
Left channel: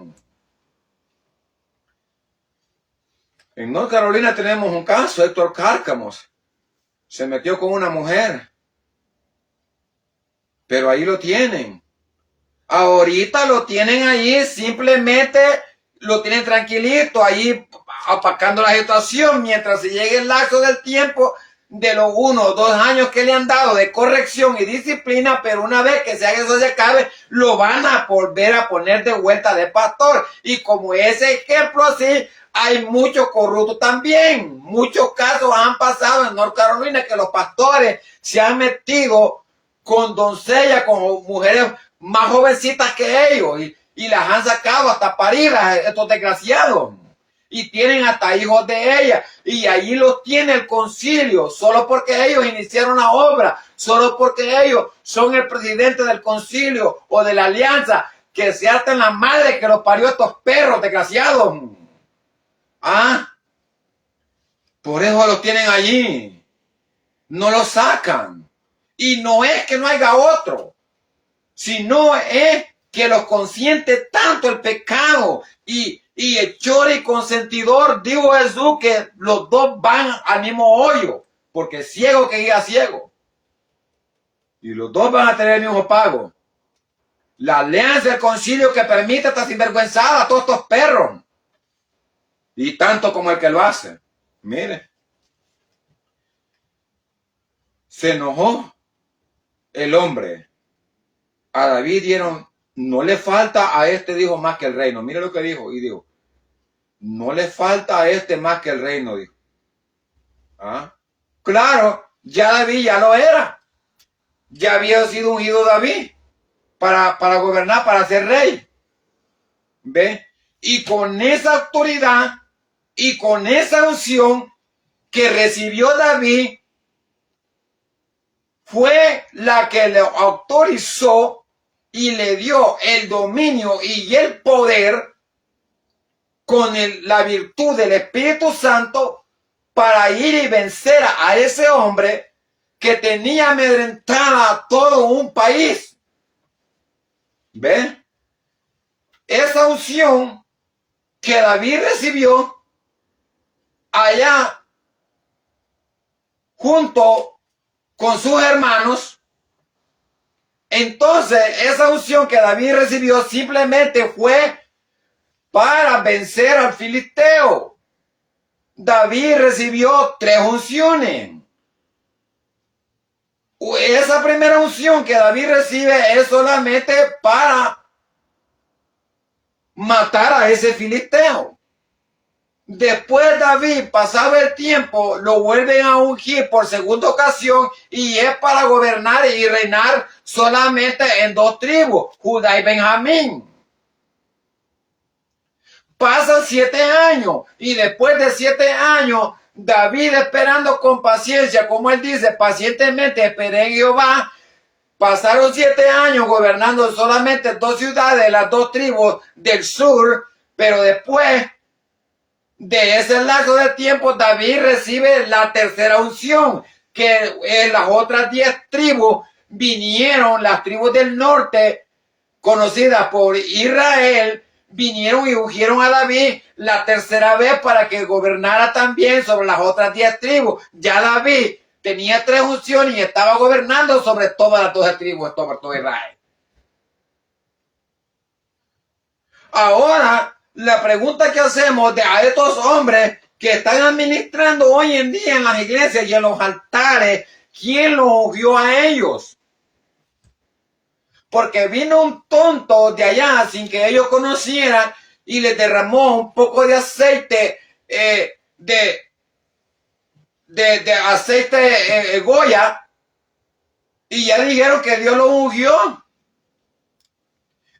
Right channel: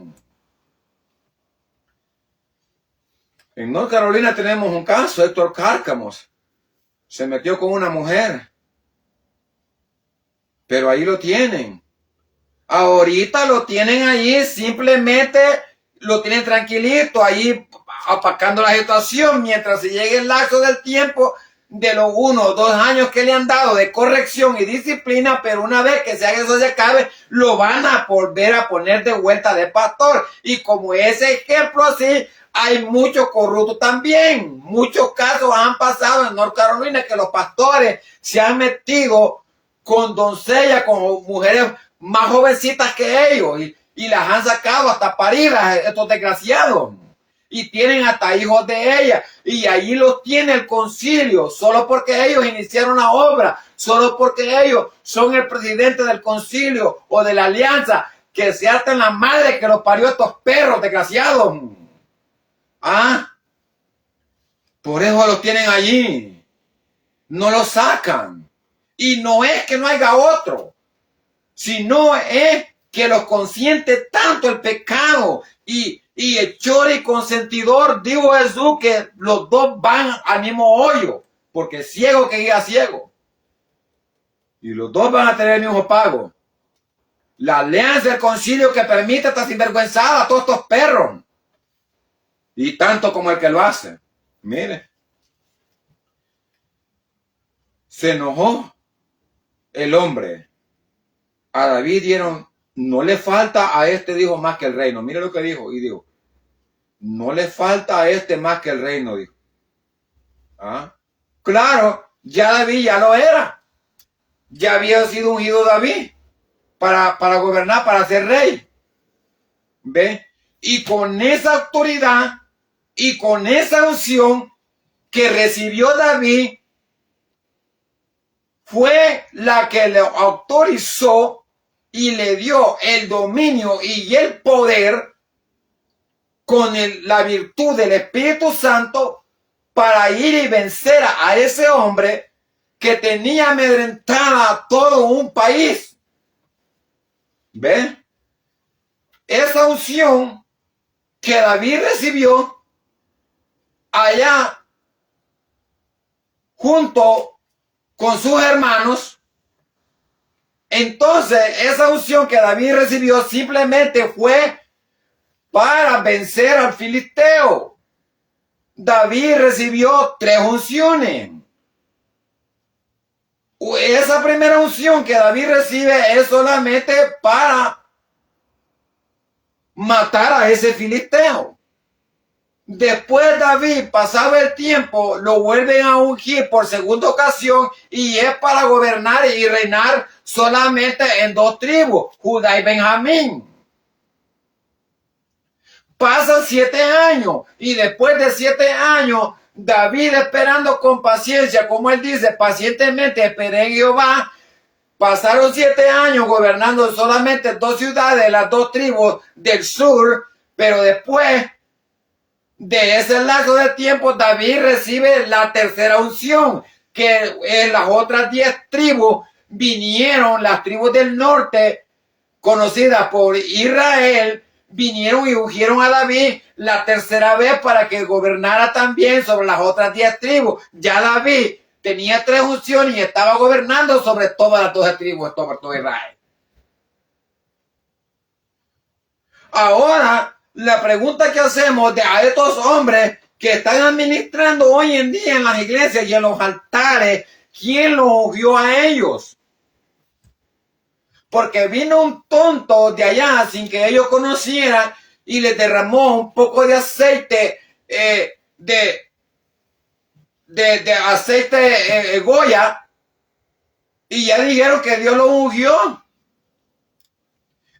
En North Carolina tenemos un caso, Héctor Cárcamos. Se metió con una mujer, pero ahí lo tienen. Ahorita lo tienen ahí, simplemente lo tienen tranquilito, ahí apacando la situación mientras se llegue el lapso del tiempo de los 1 o 2 años que le han dado de corrección y disciplina, pero una vez que eso se acabe, lo van a volver a poner de vuelta de pastor. Y como ese ejemplo así, hay muchos corruptos también. Muchos casos han pasado en North Carolina que los pastores se han metido con doncellas, con mujeres más jovencitas que ellos y las han sacado hasta parir a estos desgraciados. Y tienen hasta hijos de ella, y ahí los tiene el concilio, solo porque ellos iniciaron la obra, solo porque ellos son el presidente del concilio o de la alianza, que se harten la madre que los parió estos perros desgraciados. Por eso los tienen allí, no los sacan. Y no es que no haya otro, sino es que los consiente tanto el pecado y hechor y consentidor, dijo Jesús, que los dos van al mismo hoyo, porque ciego que guía ciego. Y los dos van a tener el mismo pago. La alianza del concilio que permite esta sinvergüenzada a todos estos perros. Y tanto como el que lo hace. Mire. Se enojó el hombre. A David dieron, no le falta a este, dijo, más que el reino. Mire lo que dijo, y dijo, no le falta a este más que el reino, dijo. Claro, ya David ya lo era. Ya había sido ungido David para gobernar, para ser rey. ¿Ve? Y con esa autoridad y con esa unción que recibió David, fue la que le autorizó y le dio el dominio y el poder con la virtud del Espíritu Santo para ir y vencer a ese hombre que tenía amedrentada a todo un país. ¿Ve? Esa unción que David recibió allá junto con sus hermanos, entonces esa unción que David recibió simplemente fue para vencer al filisteo. David recibió 3 unciones. Esa primera unción que David recibe es solamente para matar a ese filisteo. Después David, pasado el tiempo, lo vuelven a ungir por segunda ocasión y es para gobernar y reinar solamente en 2 tribus, Judá y Benjamín. Pasan 7 años y después de 7 años, David esperando con paciencia, como él dice, pacientemente esperé en Jehová. Pasaron 7 años gobernando solamente 2 ciudades, las 2 tribus del sur, pero después de ese lapso de tiempo, David recibe la tercera unción, que en las otras 10 tribus vinieron, las tribus del norte, conocidas por Israel, vinieron y ungieron a David la tercera vez para que gobernara también sobre las otras 10 tribus. Ya David tenía 3 unciones y estaba gobernando sobre todas las 12 tribus, sobre todo Israel. Ahora, la pregunta que hacemos a estos hombres que están administrando hoy en día en las iglesias y en los altares, ¿quién los ungió a ellos? Porque vino un tonto de allá sin que ellos conocieran y les derramó un poco de aceite, de aceite Goya, y ya dijeron que Dios lo ungió.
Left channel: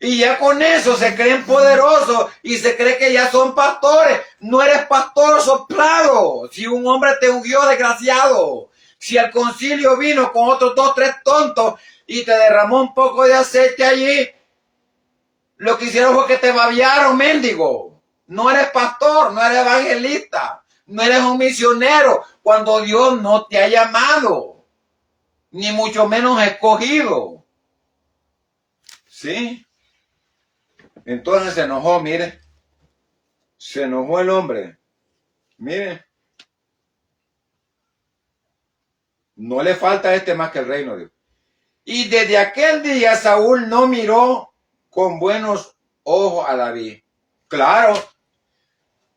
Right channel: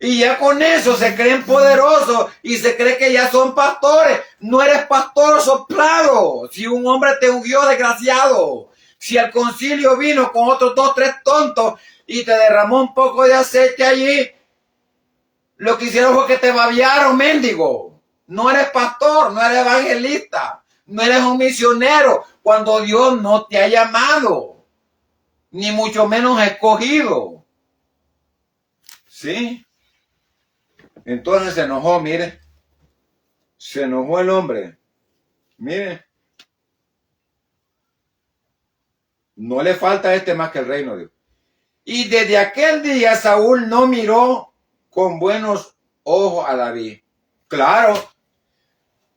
Y ya con eso se creen poderosos y se cree que ya son pastores. No eres pastor soplado. Si un hombre te ungió, desgraciado. Si el concilio vino con otros 2, 3 tontos y te derramó un poco de aceite allí, lo que hicieron fue que te babiaron, mendigo. No eres pastor, no eres evangelista, no eres un misionero cuando Dios no te ha llamado, ni mucho menos escogido. ¿Sí? Entonces se enojó, mire. Se enojó el hombre. Mire. No le falta a este más que el reino de Dios. Y desde aquel día Saúl no miró con buenos ojos a David. Claro.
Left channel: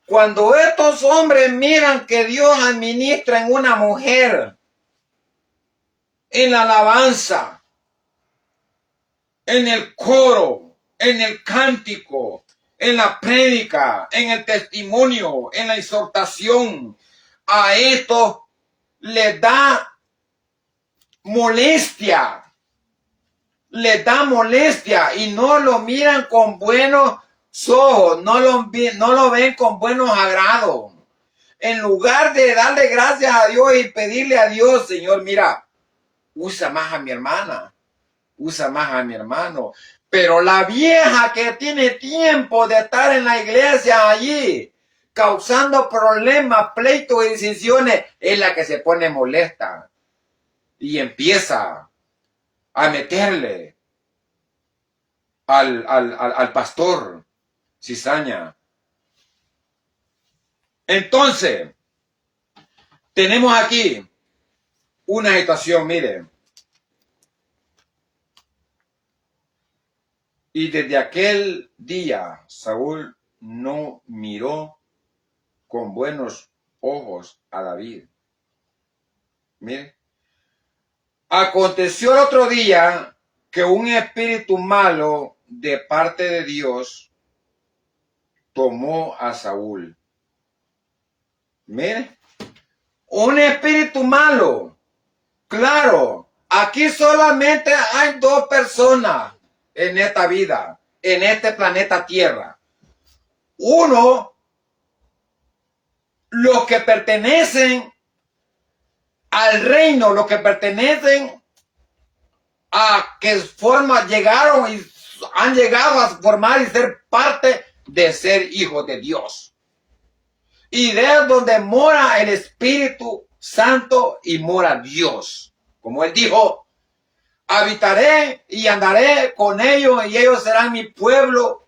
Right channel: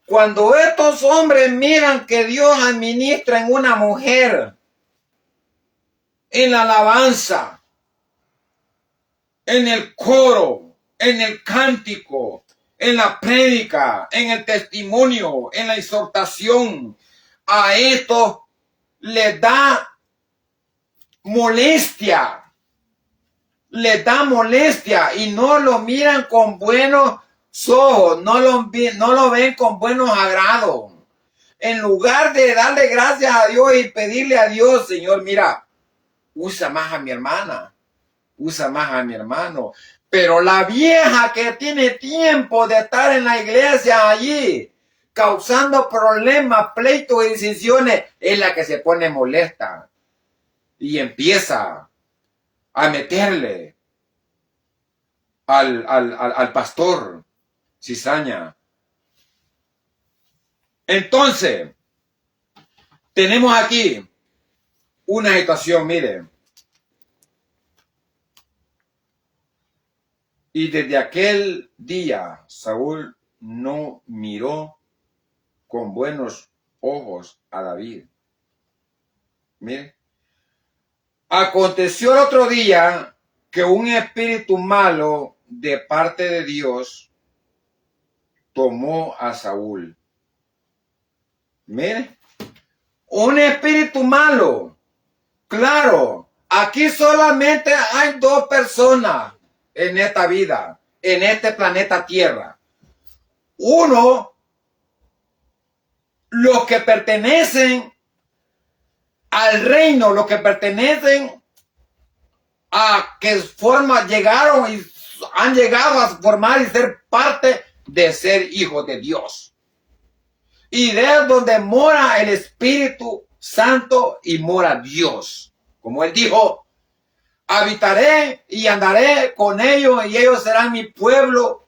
Cuando estos hombres miran que Dios administra en una mujer, en la alabanza, en el coro, en el cántico, en la prédica, en el testimonio, en la exhortación, a esto les da molestia, y no lo miran con buenos ojos, no lo ven con buenos agrados. En lugar de darle gracias a Dios y pedirle a Dios, Señor, mira, usa más a mi hermana, usa más a mi hermano. Pero la vieja que tiene tiempo de estar en la iglesia allí, causando problemas, pleitos y decisiones, es la que se pone molesta y empieza a meterle al pastor cizaña. Entonces, tenemos aquí una situación, miren. Y desde aquel día Saúl no miró con buenos ojos a David. Miren. Aconteció otro día que un espíritu malo de parte de Dios tomó a Saúl. Miren. Un espíritu malo. Claro, aquí solamente hay dos personas en esta vida, en este planeta Tierra. Uno, los que pertenecen al reino, los que pertenecen a que llegaron y han llegado a formar y ser parte de ser hijos de Dios. Y de donde mora el Espíritu Santo y mora Dios. Como él dijo, habitaré y andaré con ellos y ellos serán mi pueblo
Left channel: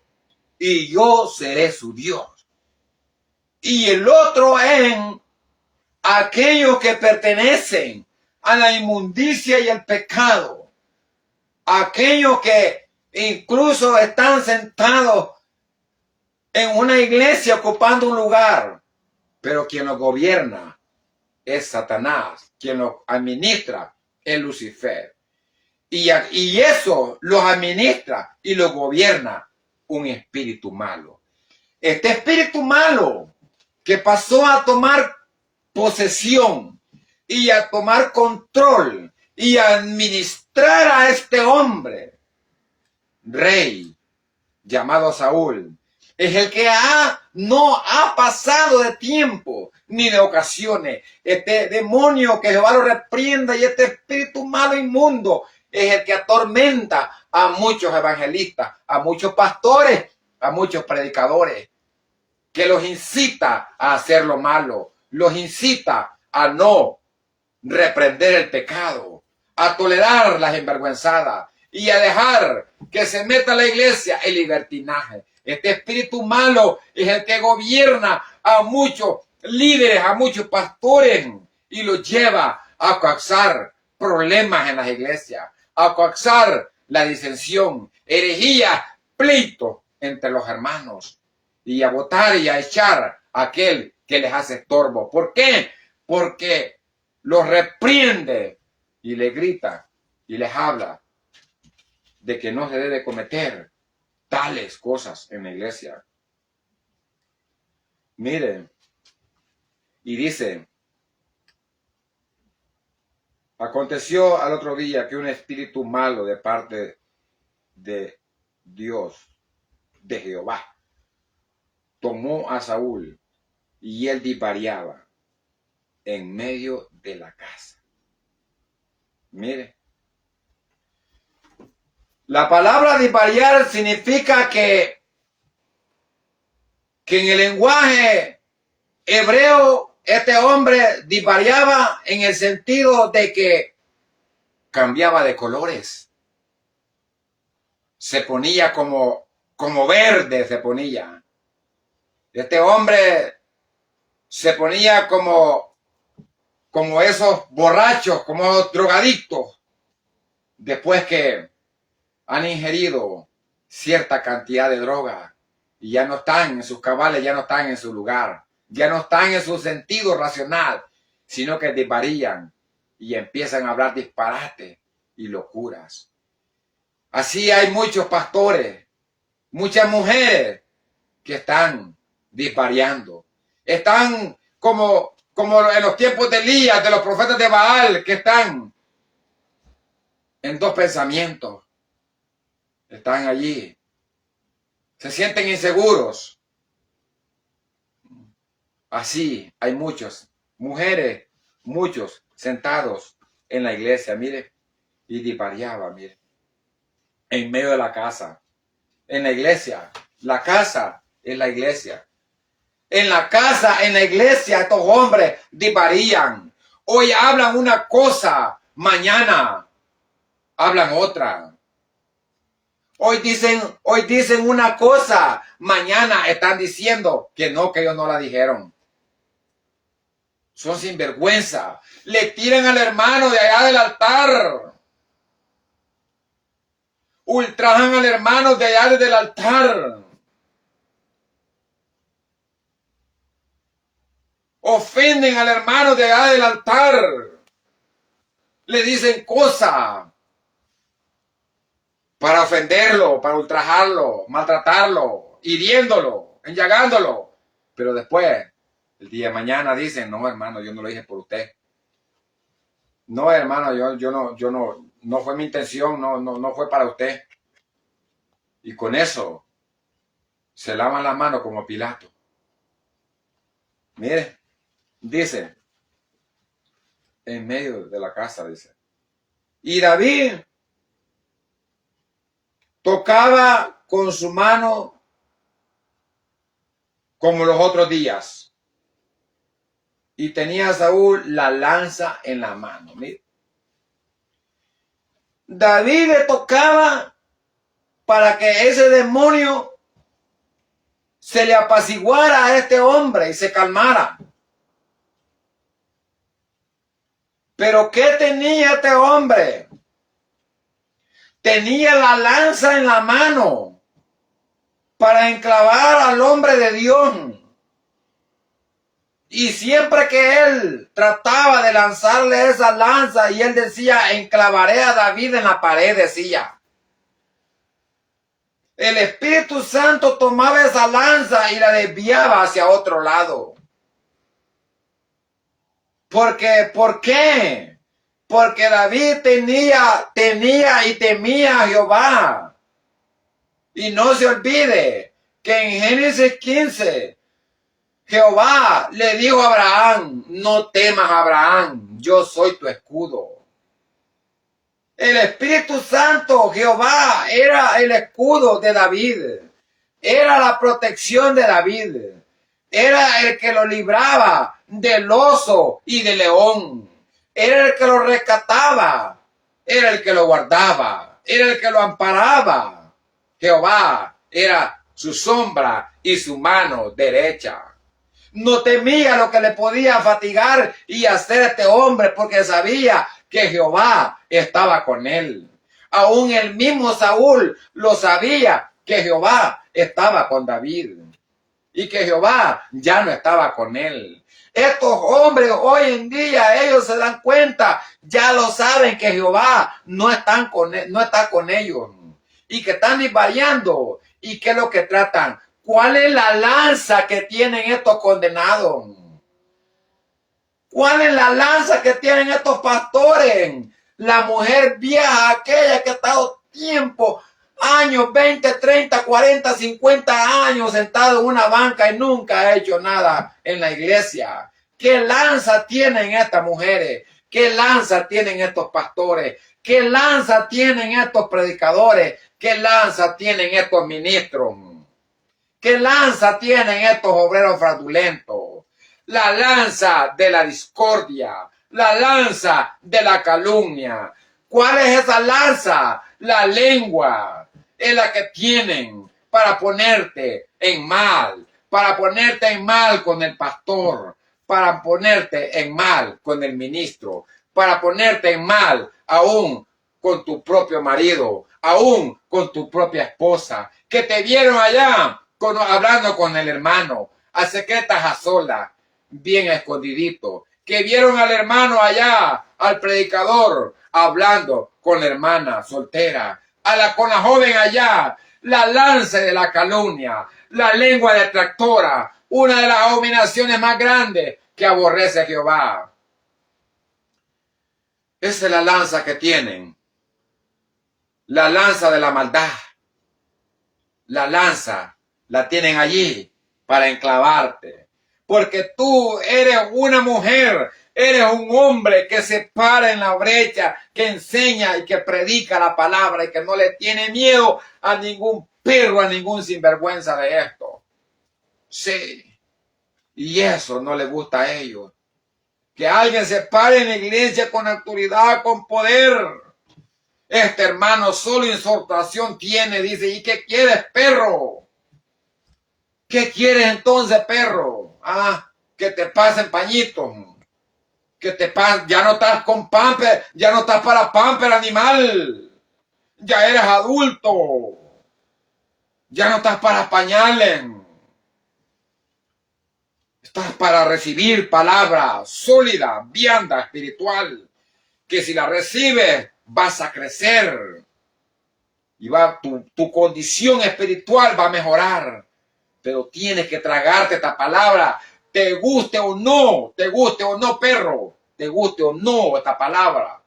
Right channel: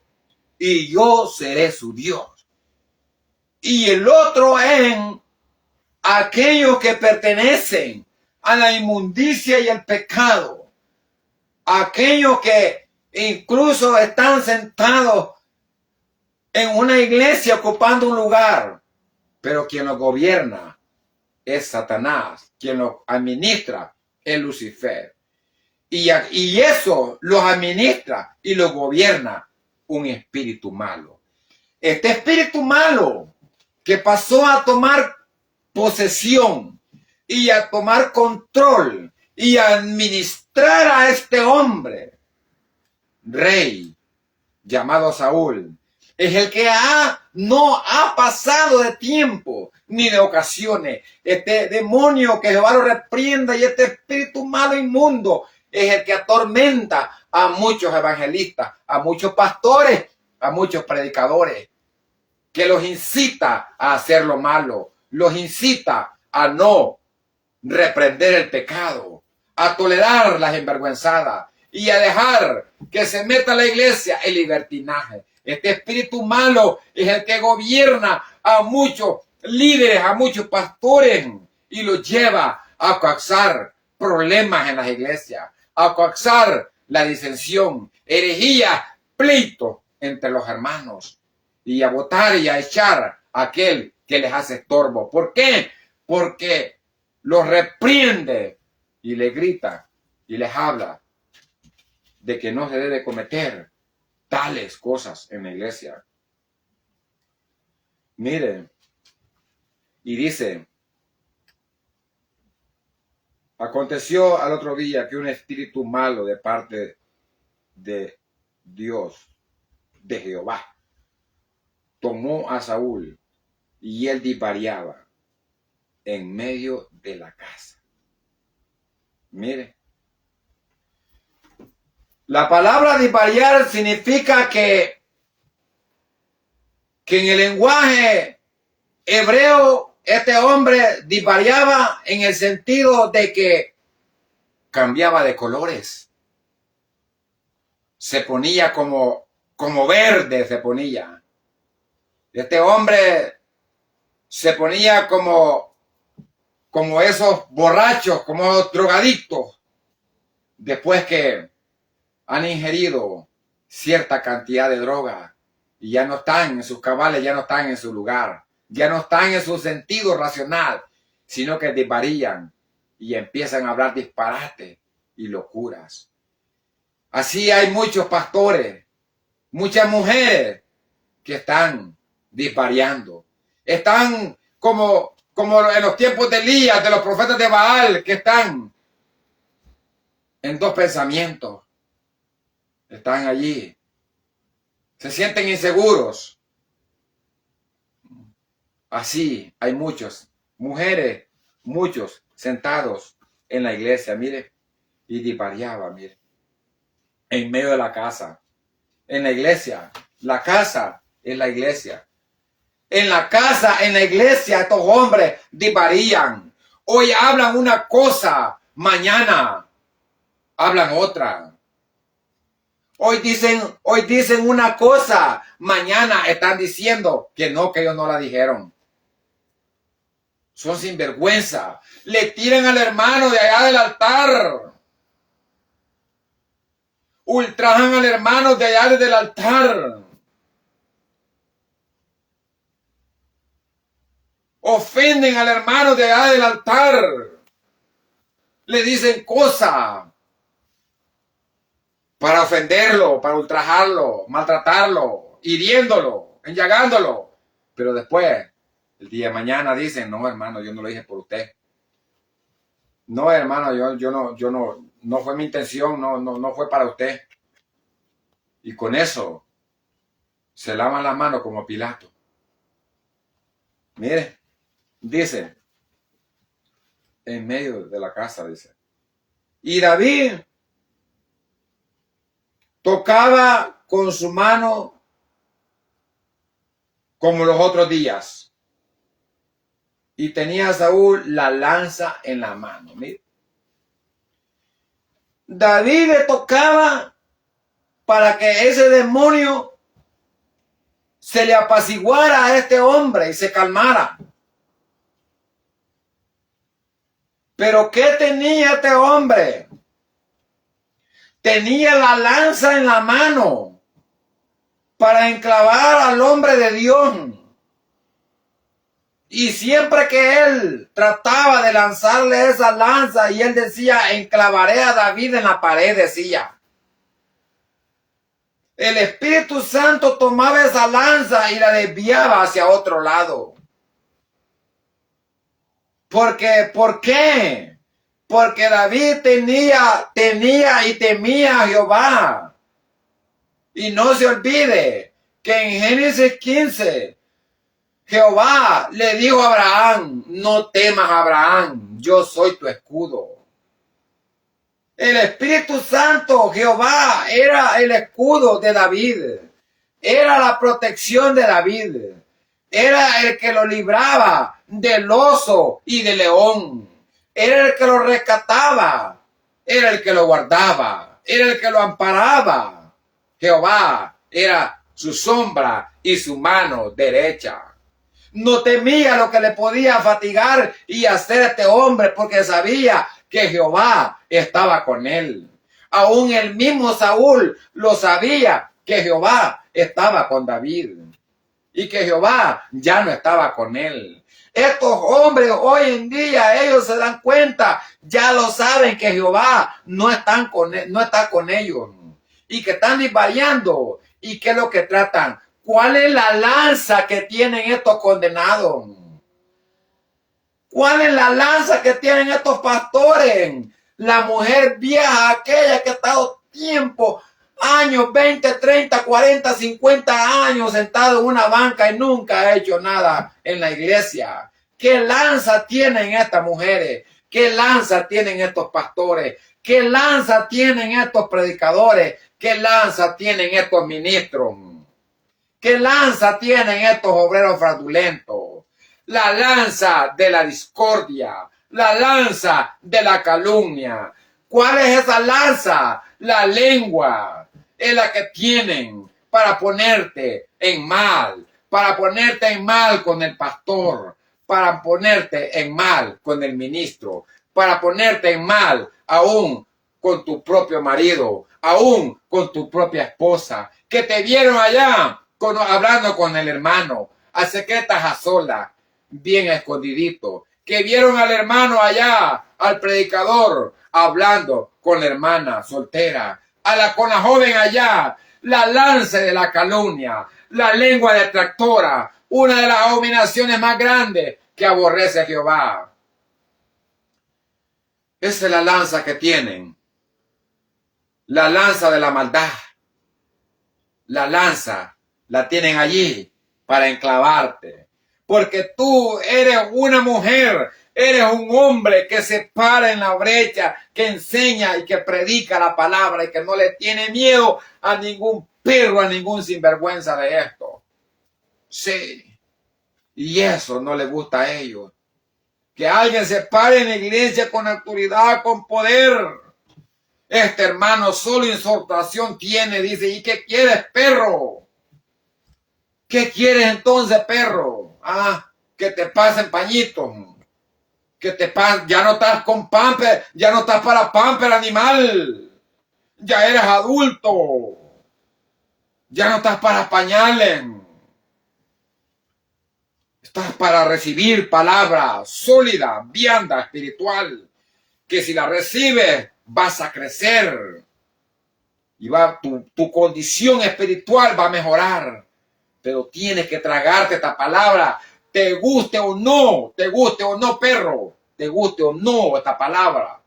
y yo seré su Dios. Y el otro en aquellos que pertenecen a la inmundicia y el pecado. Aquellos que incluso están sentados en una iglesia ocupando un lugar, pero quien lo gobierna es Satanás, quien lo administra es Lucifer. Y eso los administra y lo gobierna un espíritu malo. Este espíritu malo que pasó a tomar posesión y a tomar control y a administrar a este hombre, rey llamado Saúl, es el que no ha pasado de tiempo ni de ocasiones. Este demonio que Jehová lo reprenda y este espíritu malo inmundo es el que atormenta a muchos evangelistas, a muchos pastores, a muchos predicadores, que los incita a hacer lo malo, los incita a no reprender el pecado, a tolerar las envergüenzadas y a dejar que se meta a la iglesia el libertinaje. Este espíritu malo es el que gobierna a muchos líderes, a muchos pastores y los lleva a causar problemas en las iglesias, a causar la disensión, herejía, pleito entre los hermanos y a votar y a echar a aquel que les hace estorbo. ¿Por qué? Porque los reprende y le grita y les habla de que no se debe cometer tales cosas en la iglesia. Miren, y dice, aconteció al otro día que un espíritu malo de parte de Dios, de Jehová, tomó a Saúl y él divariaba en medio de la casa. Mire, la palabra divariar significa que en el lenguaje hebreo este hombre divariaba en el sentido de que cambiaba de colores. Se ponía como verde, se ponía. Este hombre se ponía como esos borrachos, como drogadictos, después que han ingerido cierta cantidad de droga y ya no están en sus cabales, ya no están en su lugar, ya no están en su sentido racional, sino que desvarían y empiezan a hablar disparate y locuras. Así hay muchos pastores, muchas mujeres que están disvariando. Están como en los tiempos de Elías, de los profetas de Baal, que están en dos pensamientos. Están allí. Se sienten inseguros. Así hay muchos, mujeres, muchos sentados en la iglesia, mire, y divariaba, mire, en medio de la casa, en la iglesia. La casa es la iglesia. En la casa, en la iglesia, estos hombres divarían. Hoy hablan una cosa, mañana hablan otra. Hoy dicen una cosa, mañana están diciendo que ellos no la dijeron. Son sinvergüenza. Le tiran al hermano de allá del altar. Ultrajan al hermano de allá del altar. Ofenden al hermano de allá del altar. Le dicen cosas para ofenderlo, para ultrajarlo, maltratarlo, hiriéndolo, enllagándolo. Pero después El día de mañana dicen, no, hermano, yo no lo dije por usted. No, hermano, no fue mi intención, no fue para usted. Y con eso se lavan las manos como Pilato. Mire, dice, en medio de la casa, dice. Y David tocaba con su mano como los otros días. Y tenía a Saúl la lanza en la mano. Mire. David le tocaba para que ese demonio se le apaciguara a este hombre y se calmara. Pero ¿qué tenía este hombre? Tenía la lanza en la mano para enclavar al hombre de Dios. Y siempre que él trataba de lanzarle esa lanza y él decía, enclavaré a David en la pared, decía. El Espíritu Santo tomaba esa lanza y la desviaba hacia otro lado. ¿Por qué? Porque David tenía y temía a Jehová. Y no se olvide que en Génesis 15, Jehová le dijo a Abraham, no temas, Abraham, yo soy tu escudo. El Espíritu Santo, Jehová, era el escudo de David. Era la protección de David. Era el que lo libraba del oso y del león. Era el que lo rescataba. Era el que lo guardaba. Era el que lo amparaba. Jehová era su sombra y su mano derecha. No temía lo que le podía fatigar y hacer a este hombre porque sabía que Jehová estaba con él. Aún el mismo Saúl lo sabía que Jehová estaba con David y que Jehová ya no estaba con él. Estos hombres hoy en día, ellos se dan cuenta, ya lo saben que Jehová no está con ellos y que están divariando. ¿Y qué es lo que tratan? ¿Cuál es la lanza que tienen estos condenados? ¿Cuál es la lanza que tienen estos pastores? La mujer vieja, aquella que ha estado tiempo, años, 20, 30, 40, 50 años sentado en una banca y nunca ha hecho nada en la iglesia. ¿Qué lanza tienen estas mujeres? ¿Qué lanza tienen estos pastores? ¿Qué lanza tienen estos predicadores? ¿Qué lanza tienen estos ministros? ¿Qué lanza tienen estos obreros fraudulentos? La lanza de la discordia, la lanza de la calumnia. ¿Cuál es esa lanza? La lengua es la que tienen para ponerte en mal con el pastor, para ponerte en mal con el ministro, para ponerte en mal aún con tu propio marido, aún con tu propia esposa, que te vieron allá hablando con el hermano, a secretas, a solas, bien escondidito, que vieron al hermano allá, al predicador, hablando con la hermana soltera, con la joven allá, la lanza de la calumnia, la lengua detractora, una de las abominaciones más grandes que aborrece a Jehová. Esa es la lanza que tienen, la lanza de la maldad, la lanza la tienen allí para enclavarte. Porque tú eres una mujer, eres un hombre que se para en la brecha, que enseña y que predica la palabra y que no le tiene miedo a ningún perro, a ningún sinvergüenza de esto. Sí, y eso no le gusta a ellos. Que alguien se pare en la iglesia con autoridad, con poder. Este hermano solo exhortación tiene, dice, ¿y qué quieres, perro? ¿Qué quieres entonces, perro? Que te pasen pañitos. Que te pasen, ya no estás con pamper, ya no estás para pamper, animal. Ya eres adulto. Ya no estás para pañales. Estás para recibir palabra sólida, vianda, espiritual. Que si la recibes, vas a crecer. Y tu condición espiritual va a mejorar. Pero tienes que tragarte esta palabra te guste o no, perro, te guste o no esta palabra,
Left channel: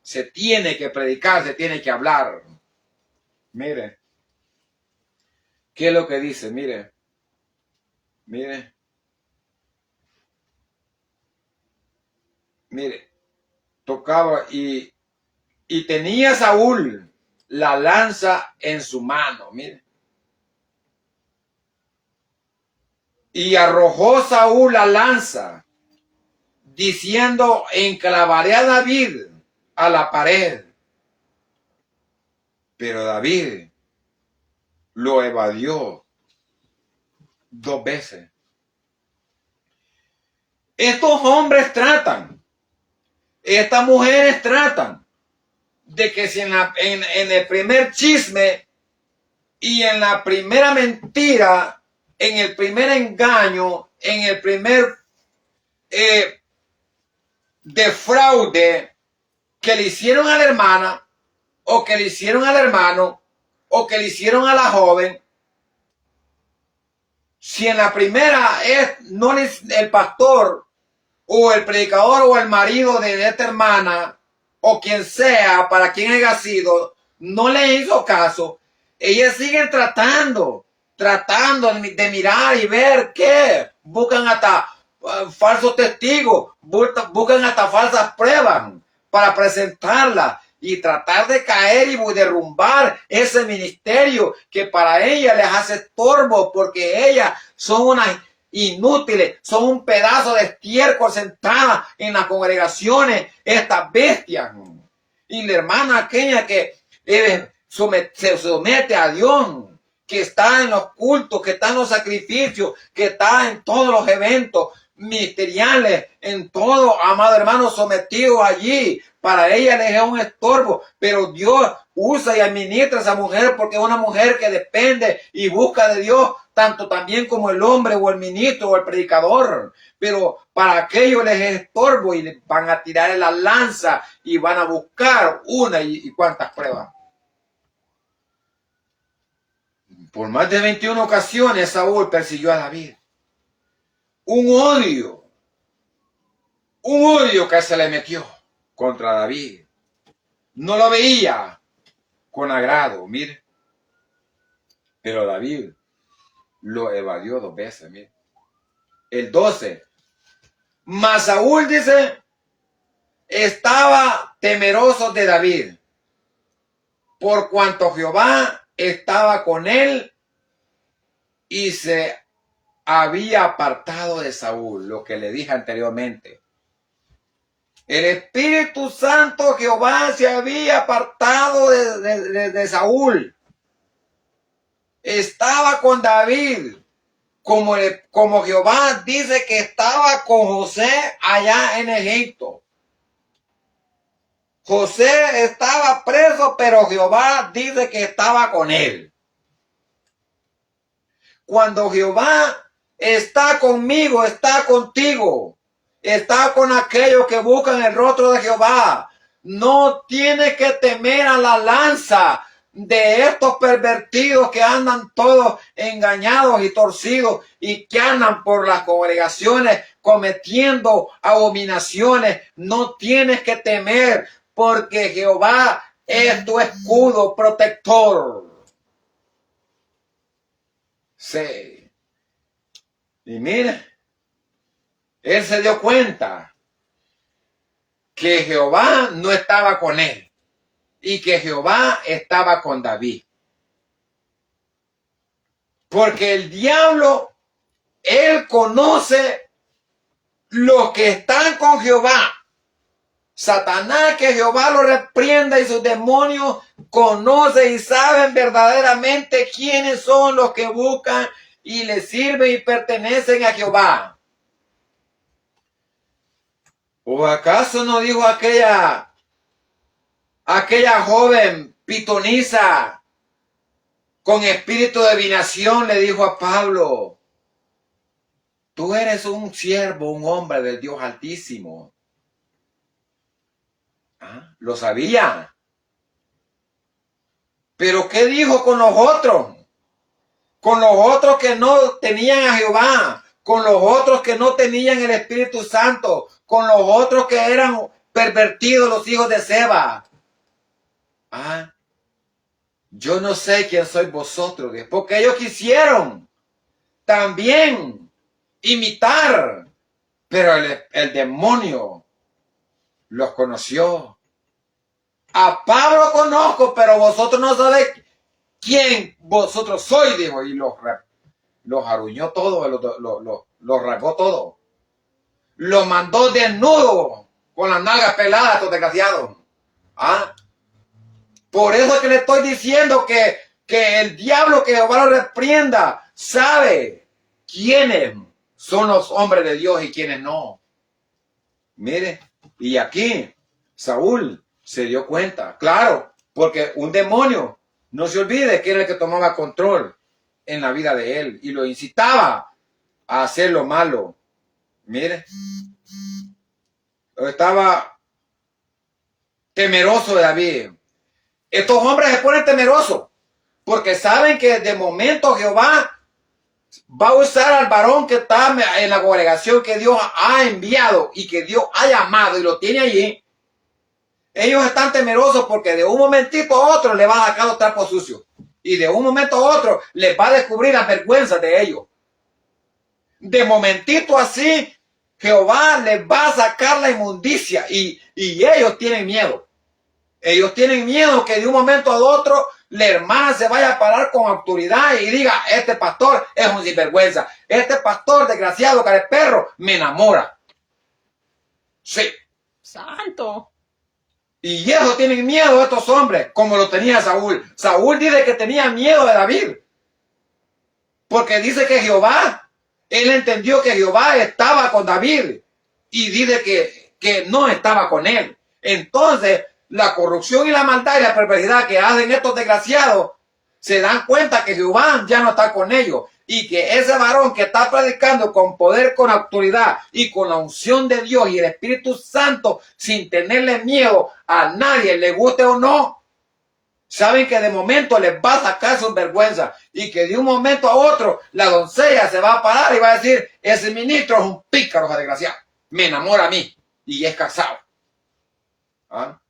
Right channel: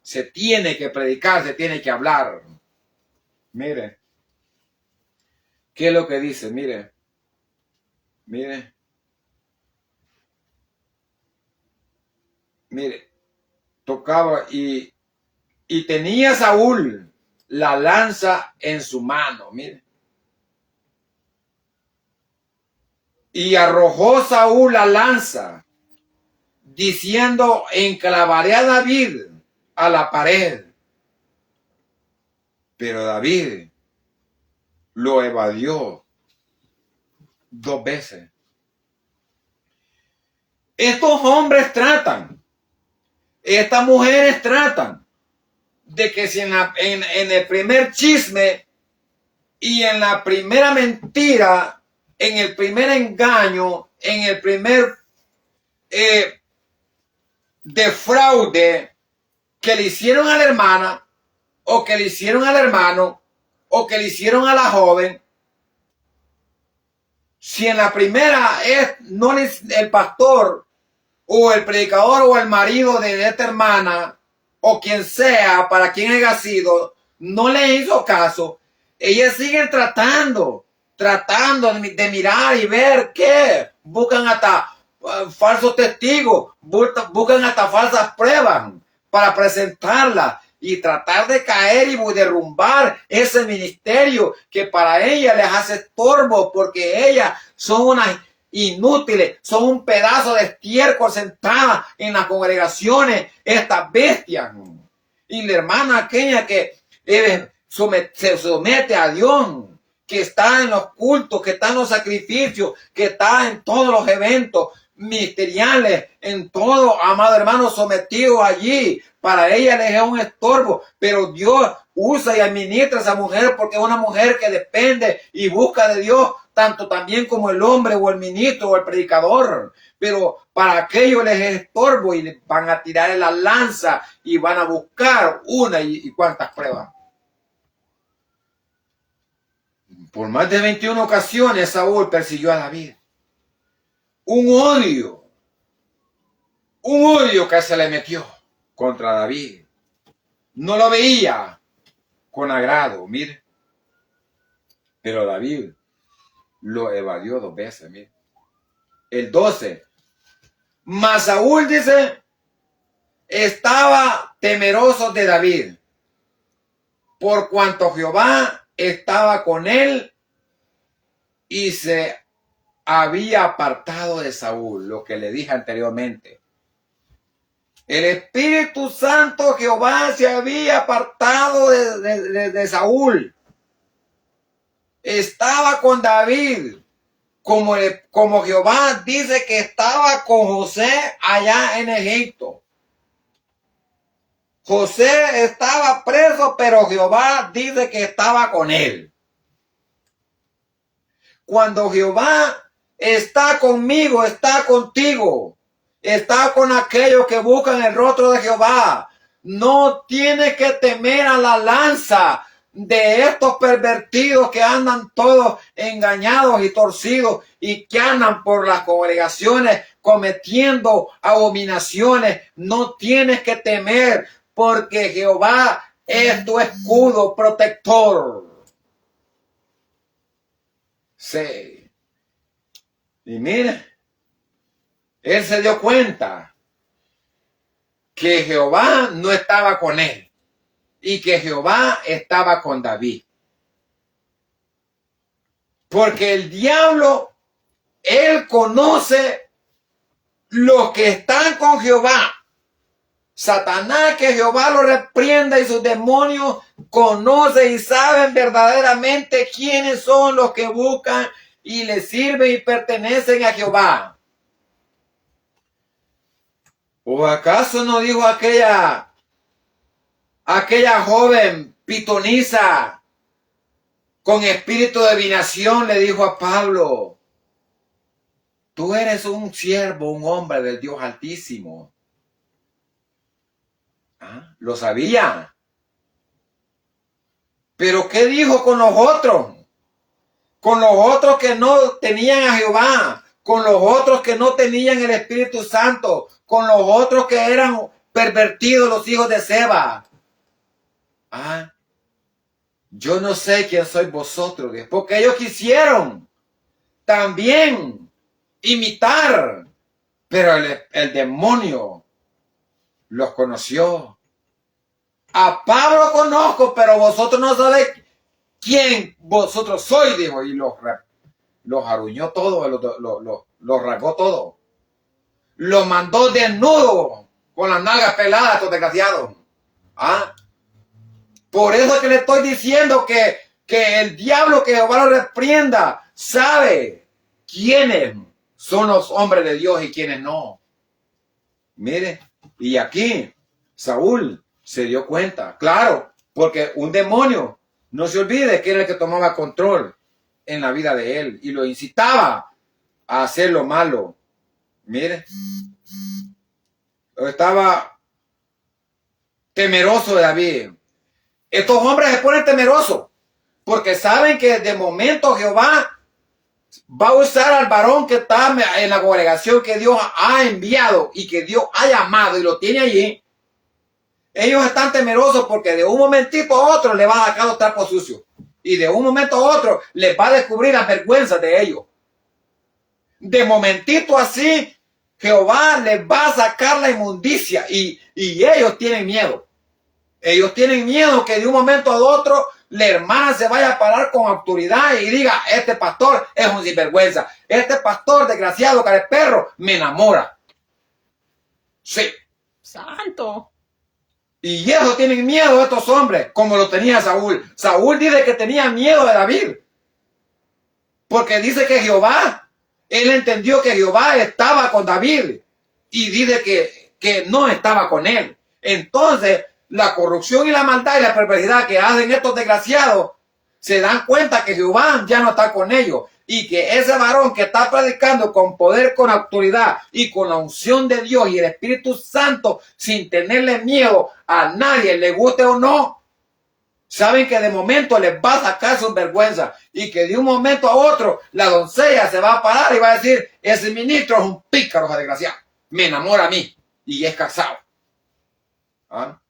se tiene que predicar, se tiene que hablar. Mire, ¿qué es lo que dice? Mire, tocaba y tenía Saúl la lanza en su mano, mire. Y arrojó Saúl la lanza, diciendo, enclavaré a David a la pared. Pero David lo evadió 2 veces. Estos hombres tratan, estas mujeres tratan de que si en el primer chisme y en la primera mentira, en el primer engaño, en el primer defraude que le hicieron a la hermana, o que le hicieron al hermano, o que le hicieron a la joven, si en la primera no el pastor o el predicador o el marido de esta hermana o quien sea, para quien haya sido, no le hizo caso, ellas siguen tratando de mirar y ver qué, buscan hasta falsos testigos, buscan hasta falsas pruebas para presentarlas y tratar de caer y derrumbar ese ministerio que para ellas les hace estorbo, porque ellas son unas inútiles, son un pedazo de estiércol sentadas en las congregaciones, estas bestias. Y la hermana aquella que se somete a Dios, que está en los cultos, que está en los sacrificios, que está en todos los eventos ministeriales, en todo, amado hermano, sometido allí. Para ella le es un estorbo, pero Dios usa y administra a esa mujer porque es una mujer que depende y busca de Dios, tanto también como el hombre o el ministro o el predicador. Pero para aquellos les es estorbo y les van a tirar en la lanza y van a buscar una y cuantas pruebas. Por más de 21 ocasiones Saúl persiguió a David. Un odio que se le metió contra David. No lo veía con agrado, mire. Pero David lo evadió 2 veces, mire. El 12. Mas Saúl, dice, estaba temeroso de David, por cuanto Jehová estaba con él y se había apartado de Saúl, lo que le dije anteriormente. El Espíritu Santo Jehová se había apartado de Saúl. Estaba con David, como Jehová dice que estaba con José allá en Egipto. José estaba preso, pero Jehová dice que estaba con él. Cuando Jehová está conmigo, está contigo. Está con aquellos que buscan el rostro de Jehová. No tienes que temer a la lanza de estos pervertidos que andan todos engañados y torcidos y que andan por las congregaciones cometiendo abominaciones. No tienes que temer, porque Jehová es tu escudo protector. Sí. Y mire, él se dio cuenta que Jehová no estaba con él y que Jehová estaba con David. Porque el diablo, él conoce los que están con Jehová. Satanás, que Jehová lo reprenda, y sus demonios conocen y saben verdaderamente quiénes son los que buscan y le sirven y pertenecen a Jehová. ¿O acaso no dijo aquella joven pitonisa con espíritu de divinación, le dijo a Pablo, tú eres un siervo, un hombre del Dios Altísimo? ¿Ah? Lo sabía. Pero ¿qué dijo con los otros? Con los otros que no tenían a Jehová, con los otros que no tenían el Espíritu Santo, con los otros que eran pervertidos, los hijos de Seba. Ah, yo no sé quién sois vosotros, porque ellos quisieron también imitar, pero el demonio los conoció. A Pablo conozco, pero vosotros no sabéis quién vosotros sois, dijo, y los aruñó todo, los rasgó todo. Los mandó desnudo, con las nalgas peladas, estos desgraciados. ¿Ah? Por eso es que le estoy diciendo que el diablo, que Jehová lo reprenda, sabe quiénes son los hombres de Dios y quiénes no. Mire, y aquí Saúl se dio cuenta, claro, porque un demonio, no se olvide que era el que tomaba control en la vida de él y lo incitaba a hacer lo malo. Mire, estaba temeroso de David. Estos hombres se ponen temerosos porque saben que de momento Jehová va a usar al varón que está en la congregación que Dios ha enviado y que Dios ha llamado y lo tiene allí. Ellos están temerosos porque de un momentito a otro le va a sacar los trapos sucios y de un momento a otro les va a descubrir las vergüenzas de ellos. De momentito así, Jehová les va a sacar la inmundicia y ellos tienen miedo. Ellos tienen miedo que de un momento a otro la hermana se vaya a parar con autoridad y diga, este pastor es un sinvergüenza, este pastor desgraciado, cara de perro, me enamora. Sí. Santo. Y ellos tienen miedo a estos hombres, como lo tenía Saúl. Saúl dice que tenía miedo de David, porque dice que Jehová, él entendió que Jehová estaba con David y dice que no estaba con él. Entonces, la corrupción y la maldad y la perversidad que hacen estos desgraciados, se dan cuenta que Jehová ya no está con ellos y que ese varón que está predicando con poder, con autoridad y con la unción de Dios y el Espíritu Santo, sin tenerle miedo a nadie, le guste o no, saben que de momento les va a sacar su vergüenza y que de un momento a otro la doncella se va a parar y va a decir, ese ministro es un pícaro desgraciado, me enamora a mí y es casado. ¿Ah?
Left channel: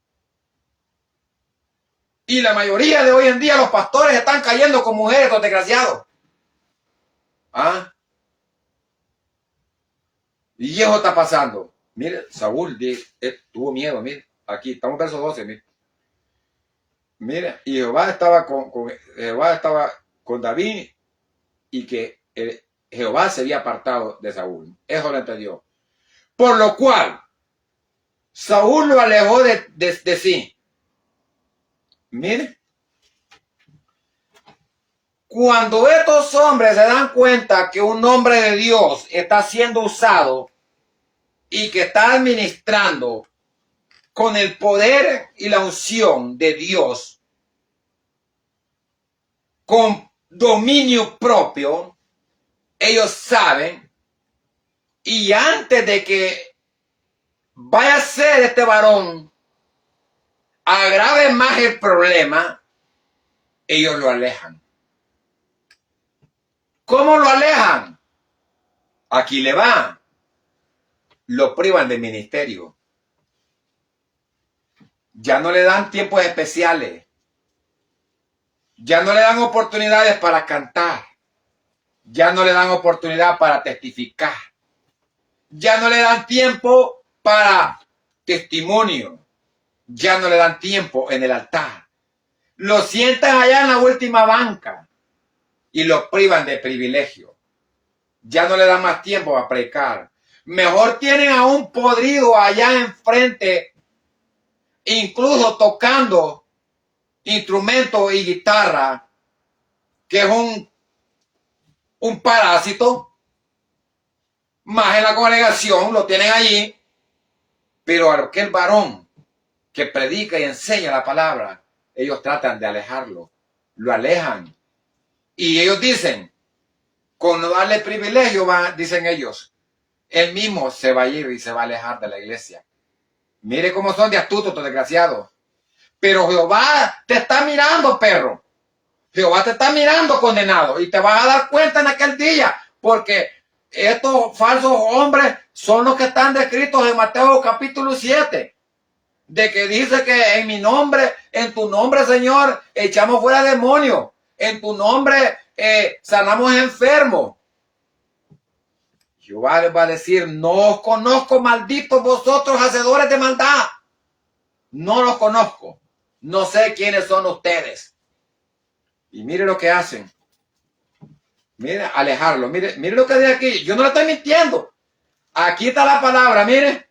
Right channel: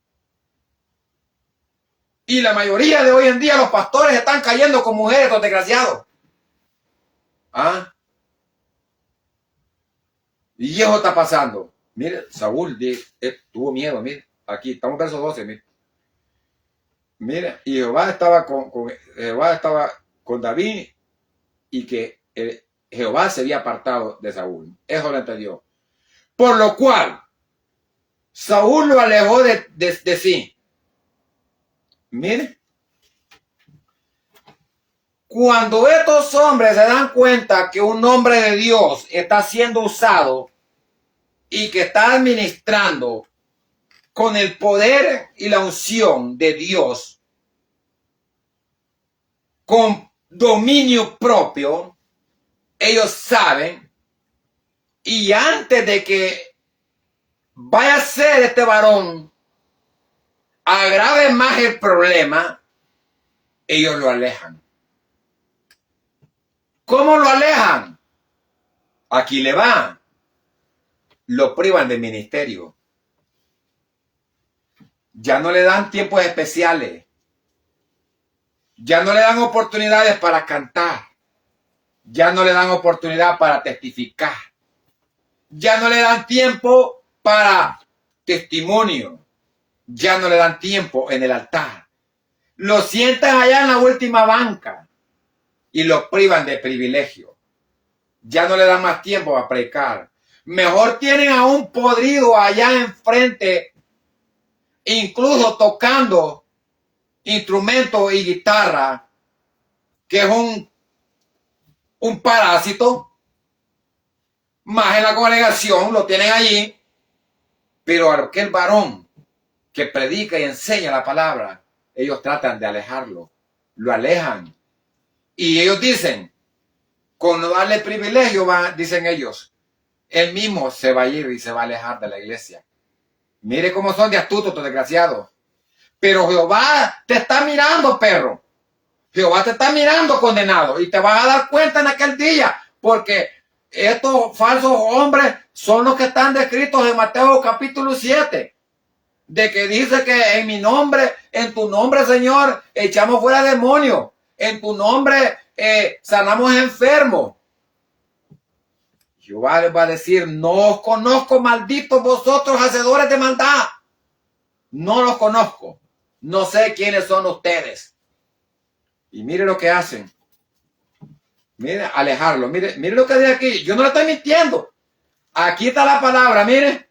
Y la mayoría de hoy en día los pastores están cayendo con mujeres, los desgraciados. ¿Ah? Y eso está pasando. Mire, Saúl tuvo miedo, mire. Aquí, estamos en verso 12, mire. Mire, y Jehová estaba con David y que Jehová se había apartado de Saúl. Eso lo entendió. Por lo cual, Saúl lo alejó de sí. Mire, cuando estos hombres se dan cuenta que un hombre de Dios está siendo usado y que está administrando con el poder y la unción de Dios, con dominio propio, ellos saben, y antes de que vaya a ser este varón, agrave más el problema, ellos lo alejan. ¿Cómo lo alejan? Aquí le va. Lo privan del ministerio. Ya no le dan tiempos especiales. Ya no le dan oportunidades para cantar. Ya no le dan oportunidad para testificar. Ya no le dan tiempo para testimonio. Ya no le dan tiempo en el altar. Lo sientan allá en la última banca y lo privan de privilegio. Ya no le dan más tiempo para predicar. Mejor tienen a un podrido allá enfrente, incluso tocando instrumentos y guitarra, que es un parásito. Más en la congregación lo tienen allí, pero aquel varón que predica y enseña la palabra, ellos tratan de alejarlo, lo alejan. Y ellos dicen, con no darle privilegio, dicen ellos, él mismo se va a ir y se va a alejar de la iglesia. Mire cómo son de astutos estos desgraciados. Pero Jehová te está mirando, perro. Jehová te está mirando, condenado. Y te vas a dar cuenta en aquel día, porque estos falsos hombres son los que están descritos en Mateo capítulo 7, de que dice que en mi nombre, en tu nombre, Señor, echamos fuera demonios, en tu nombre sanamos enfermos. Jehová va a decir, no os conozco, malditos vosotros, hacedores de maldad. No los conozco. No sé quiénes son ustedes. Y mire lo que hacen. Mire, alejarlo. Mire lo que dice aquí. Yo no lo estoy mintiendo. Aquí está la palabra, mire.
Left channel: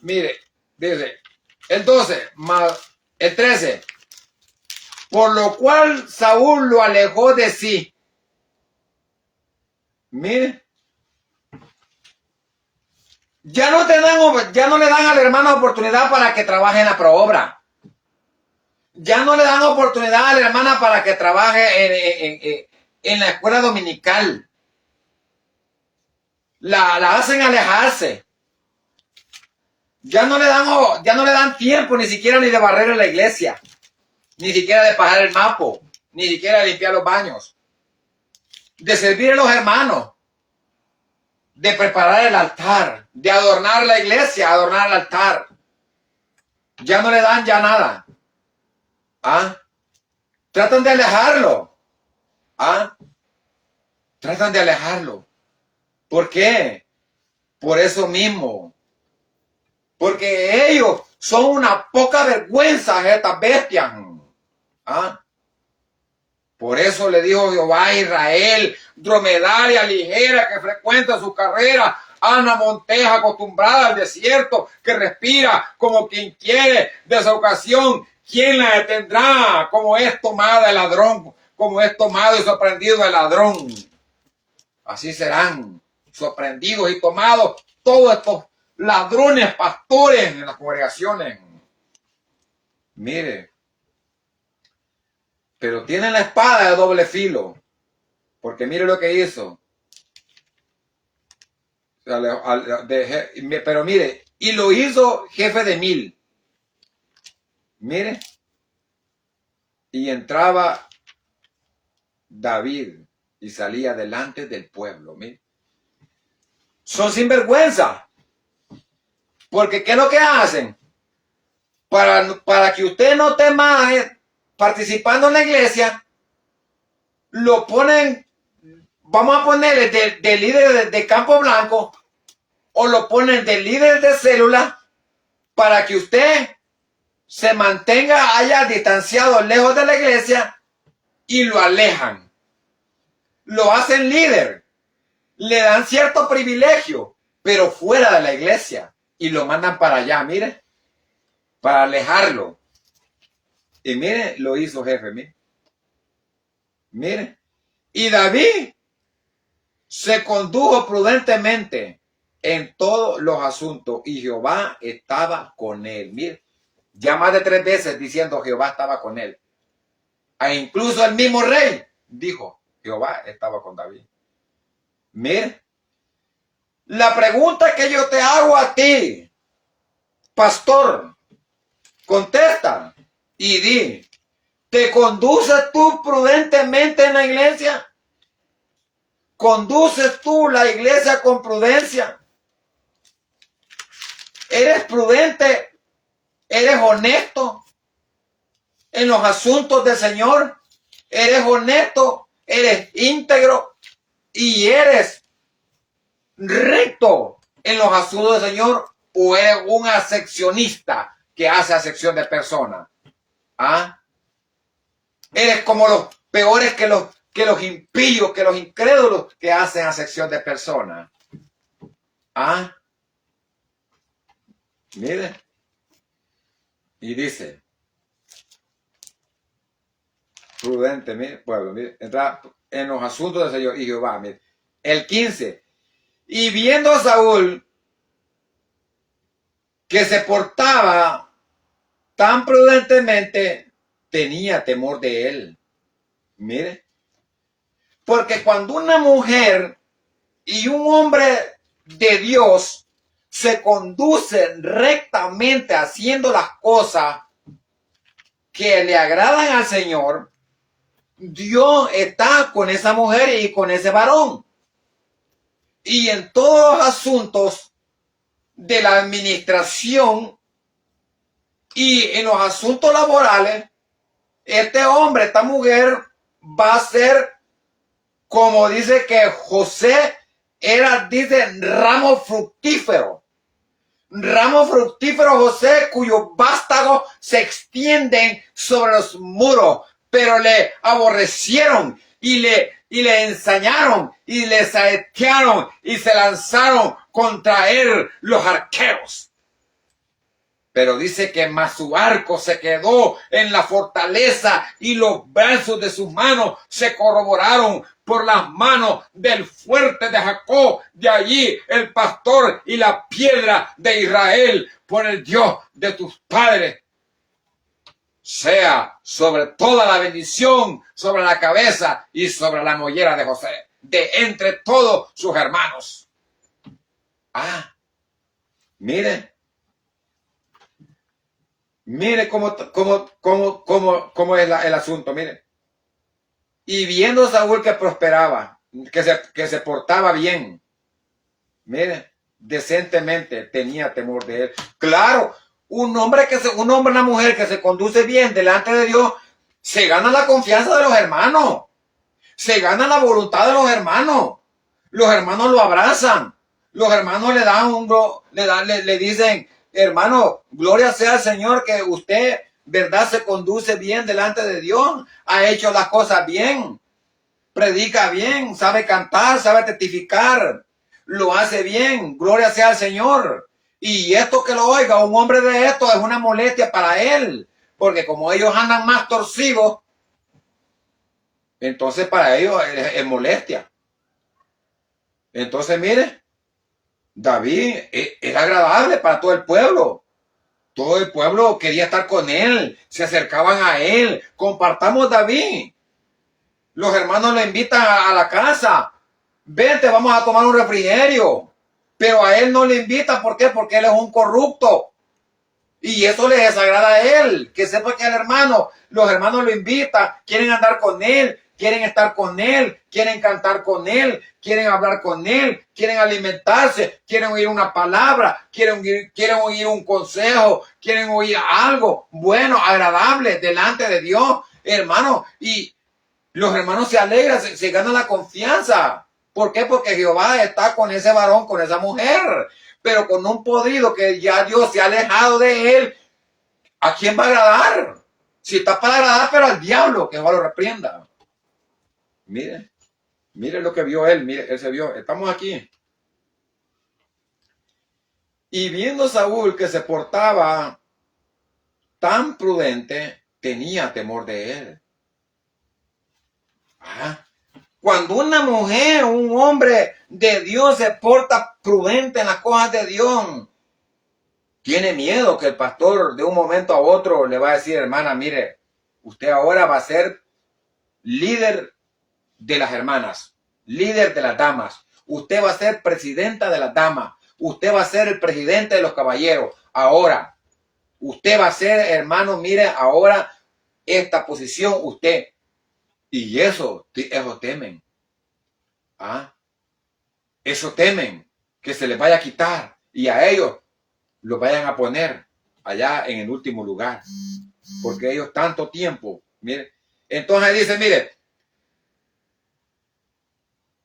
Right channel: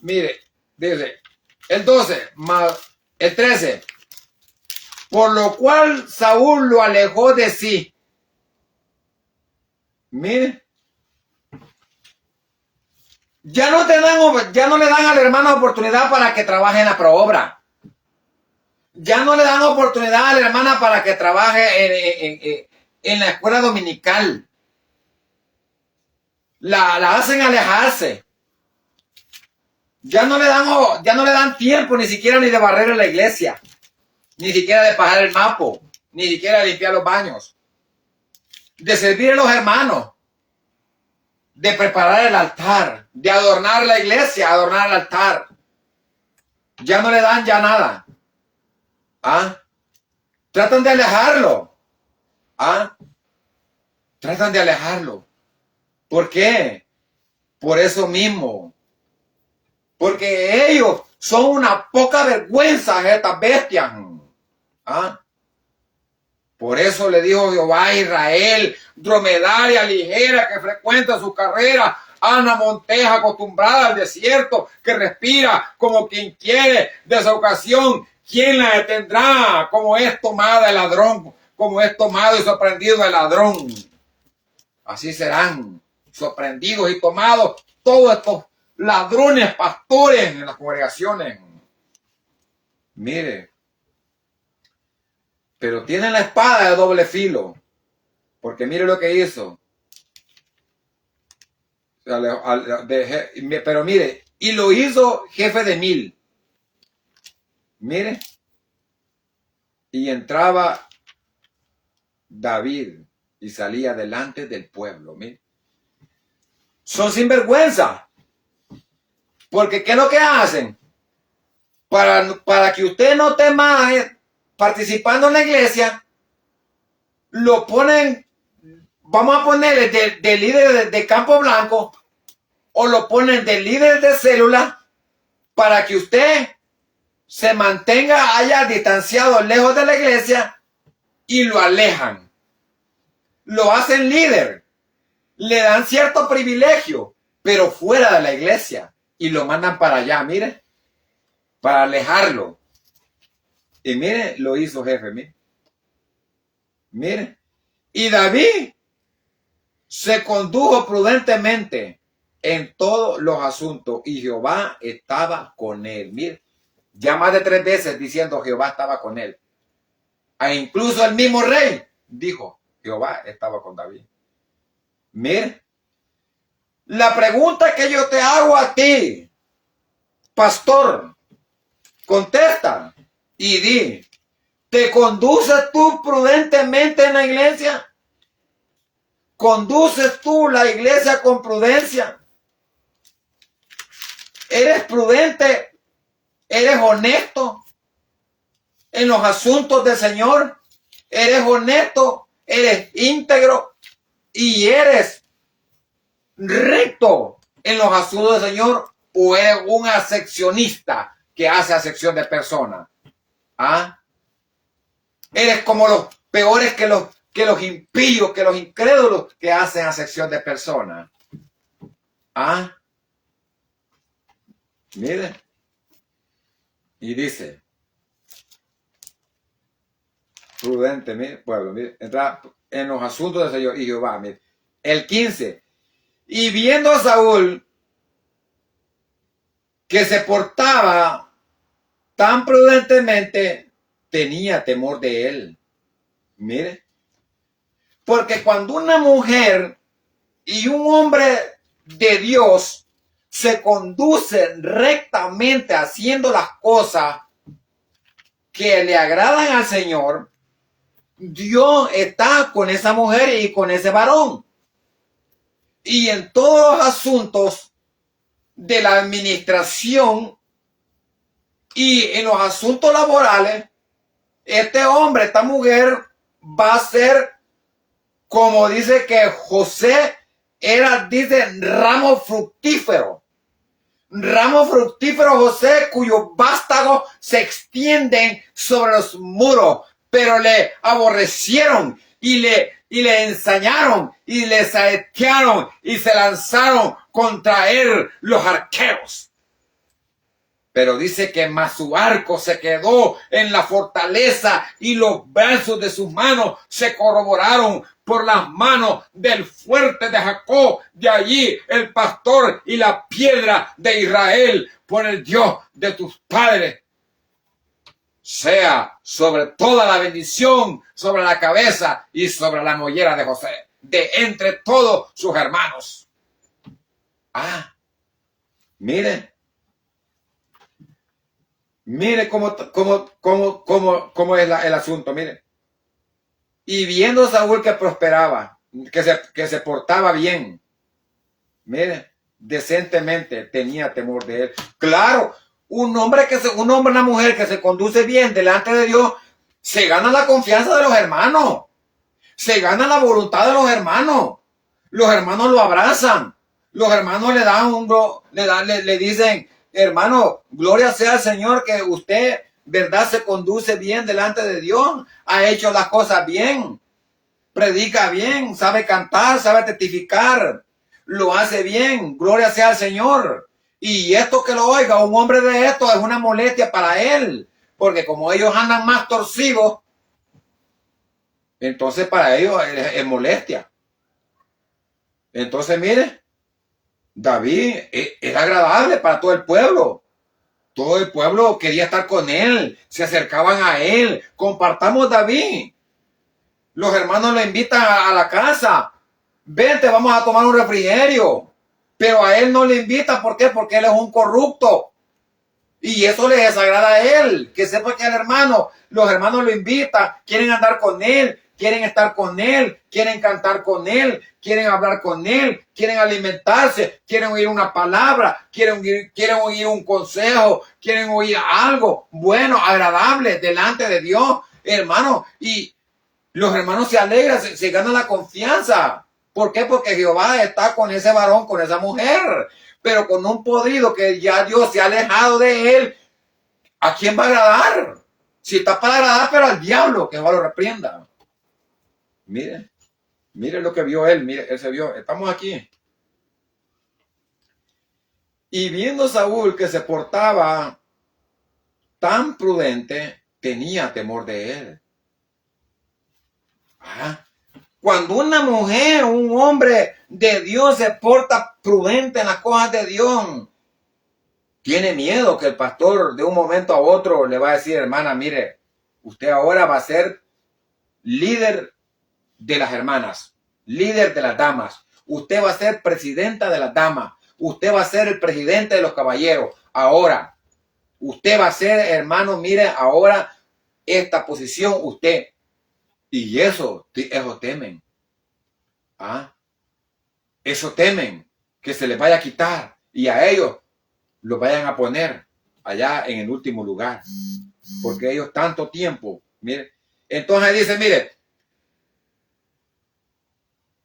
Mire, dice, el 12 más el 13. Por lo cual Saúl lo alejó de sí. Mire. Ya no le dan al hermano oportunidad para que trabaje en la proobra. Ya no le dan oportunidad a la hermana para que trabaje en la escuela dominical. La hacen alejarse. Ya no le dan tiempo ni siquiera ni de barrer en la iglesia, ni siquiera de pagar el mapo, ni siquiera de limpiar los baños, de servir a los hermanos, de preparar el altar, de adornar la iglesia, adornar el altar. Ya no le dan ya nada. Tratan de alejarlo. Tratan de alejarlo. ¿Por qué? Por eso mismo. Porque ellos son una poca vergüenza, estas bestias. Por eso le dijo Jehová a Israel, dromedaria ligera que frecuenta su carrera, a una monteja acostumbrada al desierto, que respira como quien quiere de su ocasión. ¿Quién la detendrá? Como es tomada el ladrón, como es tomado y sorprendido el ladrón. Así serán sorprendidos y tomados todos estos ladrones, pastores en las congregaciones. Mire, pero tienen la espada de doble filo, porque mire lo que hizo. Pero mire, y lo hizo jefe de 1000. Mire, y entraba David y salía delante del pueblo. Mire, son sinvergüenza, porque ¿qué es lo que hacen? Para que usted no esté más participando en la iglesia, lo ponen, vamos a ponerle de líder de campo blanco, o lo ponen de líder de célula, para que usted se mantenga allá distanciado, lejos de la iglesia, y lo alejan. Lo hacen líder, le dan cierto privilegio, pero fuera de la iglesia, y lo mandan para allá, mire, para alejarlo. Y mire, lo hizo jefe, mire. Mire, y David se condujo prudentemente en todos los asuntos, y Jehová estaba con él. Mire, ya más de 3 veces diciendo Jehová estaba con él. E incluso el mismo rey dijo, Jehová estaba con David. Mire, la pregunta que yo te hago a ti, pastor, contesta y di, ¿te conduces tú prudentemente en la iglesia? ¿Conduces tú la iglesia con prudencia? ¿Eres prudente? ¿Eres honesto en los asuntos del Señor? ¿Eres honesto? ¿Eres íntegro? ¿Y eres recto en los asuntos del Señor? ¿O eres un acepcionista que hace acepción de personas? Eres como los peores que los impíos, que los incrédulos que hacen acepción de personas. Mire. Y dice, prudente, mire, pueblo, mire, entra en los asuntos del Señor y Jehová, mire. El 15. Y viendo a Saúl que se portaba tan prudentemente, tenía temor de él. Mire. Porque cuando una mujer y un hombre de Dios se conducen rectamente haciendo las cosas que le agradan al Señor, Dios está con esa mujer y con ese varón. y en todos los asuntos de la administración y en los asuntos laborales, este hombre, esta mujer va a ser, como dice que José era, dice, ramo fructífero. Ramo fructífero José, cuyos vástagos se extienden sobre los muros, pero le aborrecieron y le ensañaron y le saetearon y se lanzaron contra él los arqueros. Pero dice que más su arco se quedó en la fortaleza y los brazos de sus manos se corroboraron por las manos del fuerte de Jacob. De allí el pastor y la piedra de Israel, por el Dios de tus padres. Sea sobre toda la bendición, sobre la cabeza y sobre la mollera de José, de entre todos sus hermanos. Mire. Mire cómo es el asunto, mire. Y viendo Saúl que prosperaba, que se portaba bien, mire, decentemente, tenía temor de él. Claro, una mujer que se conduce bien delante de Dios, se gana la confianza de los hermanos, se gana la voluntad de los hermanos lo abrazan, los hermanos le dicen, hermano, gloria sea al Señor que usted, verdad, se conduce bien delante de Dios, ha hecho las cosas bien, predica bien, sabe cantar, sabe testificar, lo hace bien, gloria sea al Señor. Y esto que lo oiga un hombre de esto es una molestia para él, porque como ellos andan más torcidos, entonces para ellos es molestia. Entonces, mire, David es agradable para todo el pueblo. Todo el pueblo quería estar con él, se acercaban a él. Compartamos David. Los hermanos le invitan a la casa. Vente, vamos a tomar un refrigerio. Pero a él no le invitan. ¿Por qué? Porque él es un corrupto. Y eso le desagrada a él. Que sepa que los hermanos lo invitan, quieren andar con él, quieren estar con él, quieren cantar con él, quieren hablar con él, quieren alimentarse, quieren oír una palabra, quieren oír un consejo, quieren oír algo bueno, agradable delante de Dios, hermano. Y los hermanos se alegran, se ganan la confianza. ¿Por qué? Porque Jehová está con ese varón, con esa mujer. Pero con un podrido que ya Dios se ha alejado de él, ¿a quién va a agradar? Si está para agradar, pero al diablo, que Jehová lo reprenda. Mire lo que vio él, mire, él se vio, estamos aquí. Y viendo Saúl que se portaba tan prudente, tenía temor de él. Cuando una mujer o un hombre de Dios se porta prudente en las cosas de Dios, tiene miedo que el pastor de un momento a otro le va a decir, hermana, mire, usted ahora va a ser líder de las hermanas, líder de las damas. Usted va a ser presidenta de las damas. Usted va a ser el presidente de los caballeros. Ahora, usted va a ser, hermano, mire, ahora esta posición usted. Y eso temen. Eso temen que se les vaya a quitar y a ellos los vayan a poner allá en el último lugar. Porque ellos tanto tiempo, mire. Entonces dice, mire,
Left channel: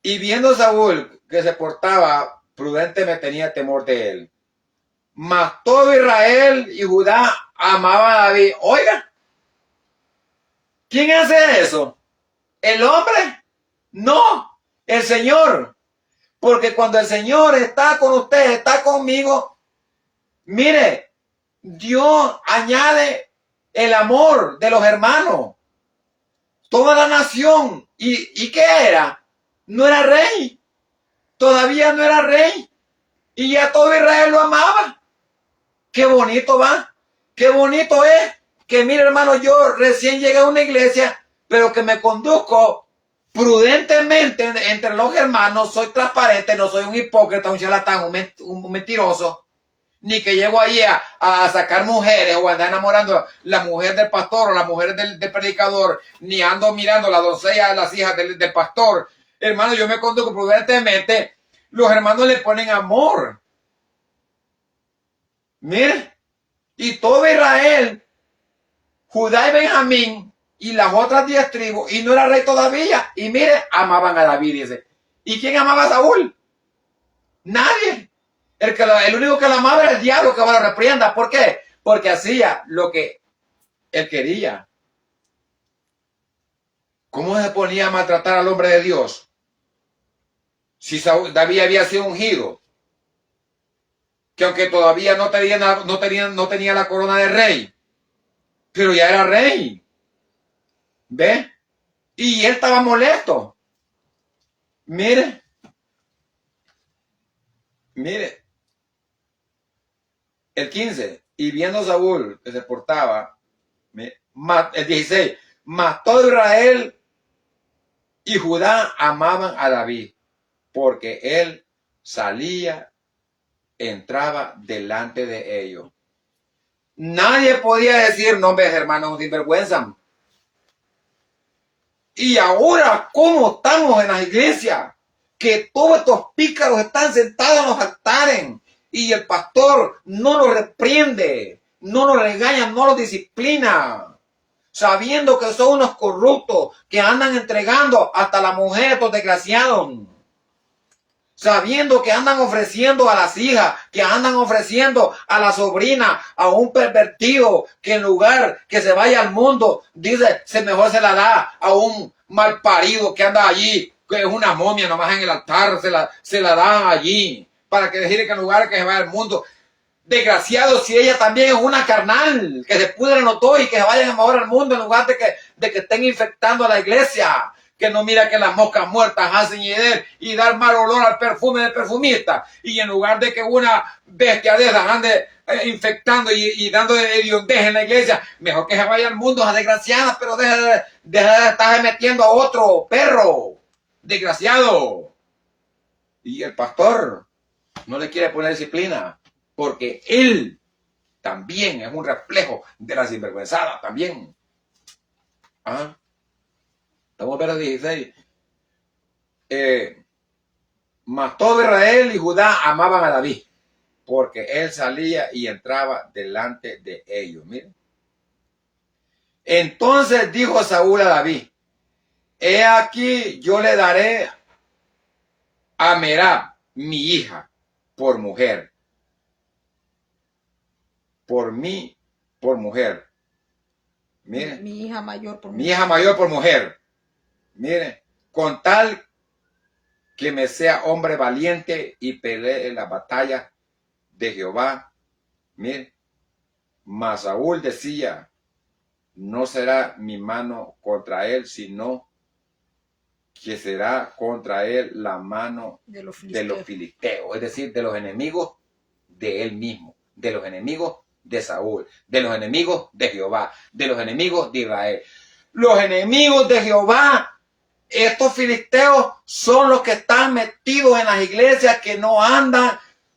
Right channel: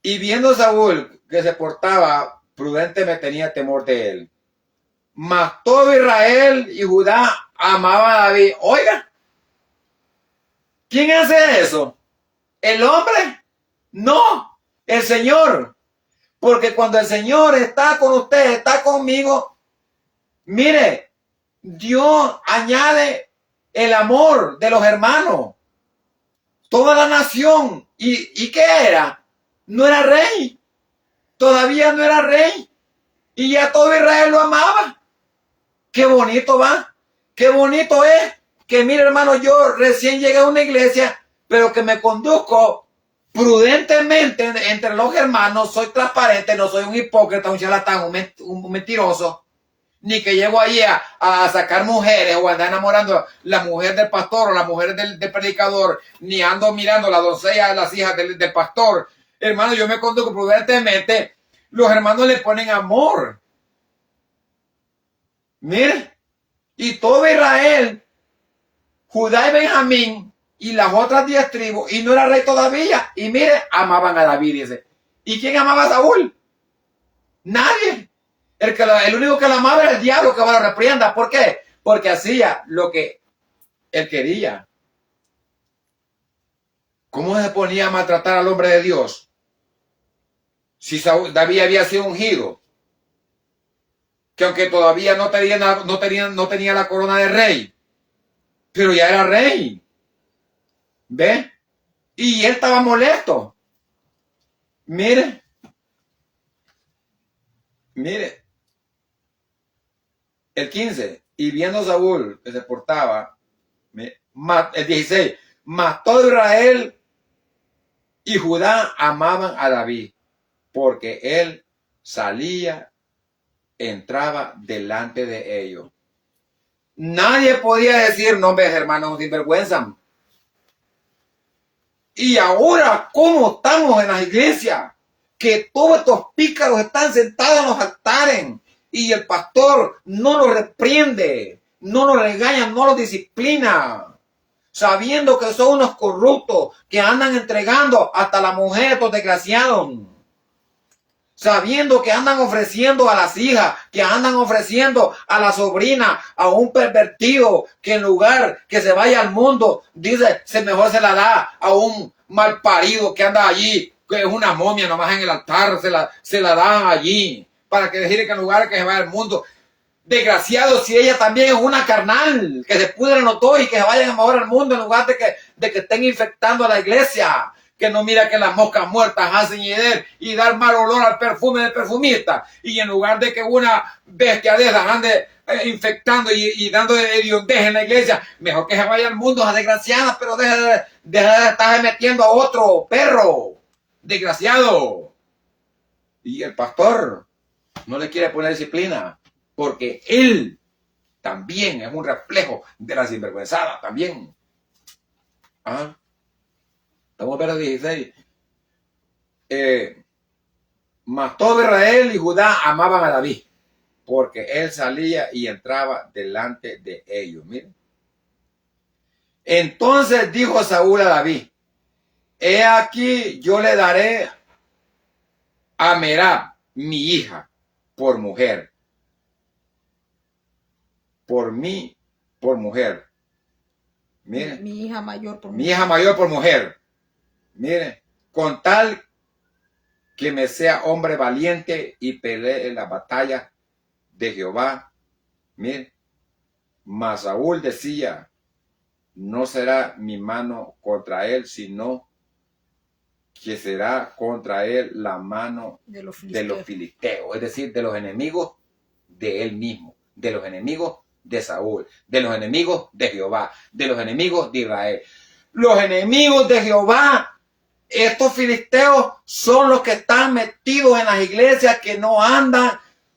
y viendo Saúl que se portaba prudente, me tenía temor de él. Mas todo Israel y Judá amaba a David. Oiga, ¿quién hace eso? ¿El hombre? No, el Señor. Porque cuando el Señor está con usted, está conmigo, mire, Dios añade el amor de los hermanos. Toda la nación. ¿Y qué era? No era rey. Todavía no era rey. Y ya todo Israel lo amaba. Qué bonito va. Qué bonito es. Que mire, hermano, yo recién llegué a una iglesia, pero que me conduzco prudentemente entre los hermanos. Soy transparente, no soy un hipócrita, un charlatán, un mentiroso. Ni que llego allí a sacar mujeres o andar enamorando a la mujer del pastor o la mujer del predicador. Ni ando mirando la doncella de las hijas del pastor. Hermano, yo me conduzco prudentemente. los hermanos le ponen amor. Mire, y todo Israel, Judá y Benjamín y las otras 10 tribus, y no era rey todavía, y mire, amaban a David, dice. ¿Y quién amaba a Saúl? Nadie. El único que lo amaba era el diablo, que va a la reprienda. ¿Por qué? Porque hacía lo que él quería. ¿Cómo se ponía a maltratar al hombre de Dios? Si David había sido ungido, que aunque todavía no tenía la corona de rey, pero ya era rey. ¿Ve? Y él estaba molesto. Mire, el 15, y viendo Saúl que se portaba, el 16, mas todo Israel y Judá amaban a David, porque él salía, entraba delante de ellos. Nadie podía decir, no, hermanos, sinvergüenza. Y ahora, ¿cómo estamos en las iglesias? Que todos estos pícaros están sentados en los altares y el pastor no los reprende, no los regaña, no los disciplina, sabiendo que son unos corruptos que andan entregando hasta la mujer a estos desgraciados, sabiendo que andan ofreciendo a las hijas, que andan ofreciendo a la sobrina, a un pervertido, que en lugar que se vaya al mundo, dice, mejor se la da a un mal parido que anda allí, que es una momia nomás en el altar, se la dan allí, para que decirle que en lugar que se vaya al mundo. Desgraciado, si ella también es una carnal, que se pudran los dos y que se vayan a mover al mundo en lugar de que estén infectando a la iglesia. Que no mira que las moscas muertas hacen y dar mal olor al perfume del perfumista. Y en lugar de que una bestia de esas ande infectando y dando hediondez en la iglesia, mejor que se vaya al mundo, a desgraciada, pero deje de estar metiendo a otro perro. Desgraciado. Y el pastor no le quiere poner disciplina, porque él también es un reflejo de la sinvergüenzada también. ¿Ah? Estamos en verso 16. Mas todo Israel y Judá amaban a David, porque él salía y entraba delante de ellos. Miren. Entonces dijo Saúl a David, he aquí yo le daré a Merab, mi hija, por mujer. Por mí, por mujer. Miren. Mi hija mayor por mujer. Mi hija mayor por mujer. Mire, con tal que me sea hombre valiente y pelee en la batalla de Jehová. Mire, mas Saúl decía, no será mi mano contra él, sino que será contra él la mano de los filisteos, es decir, de los enemigos de él mismo, de los enemigos de Saúl, de los enemigos de Jehová, de los enemigos de Israel. Los enemigos de Jehová, estos filisteos, son los que están metidos en las iglesias, que no andan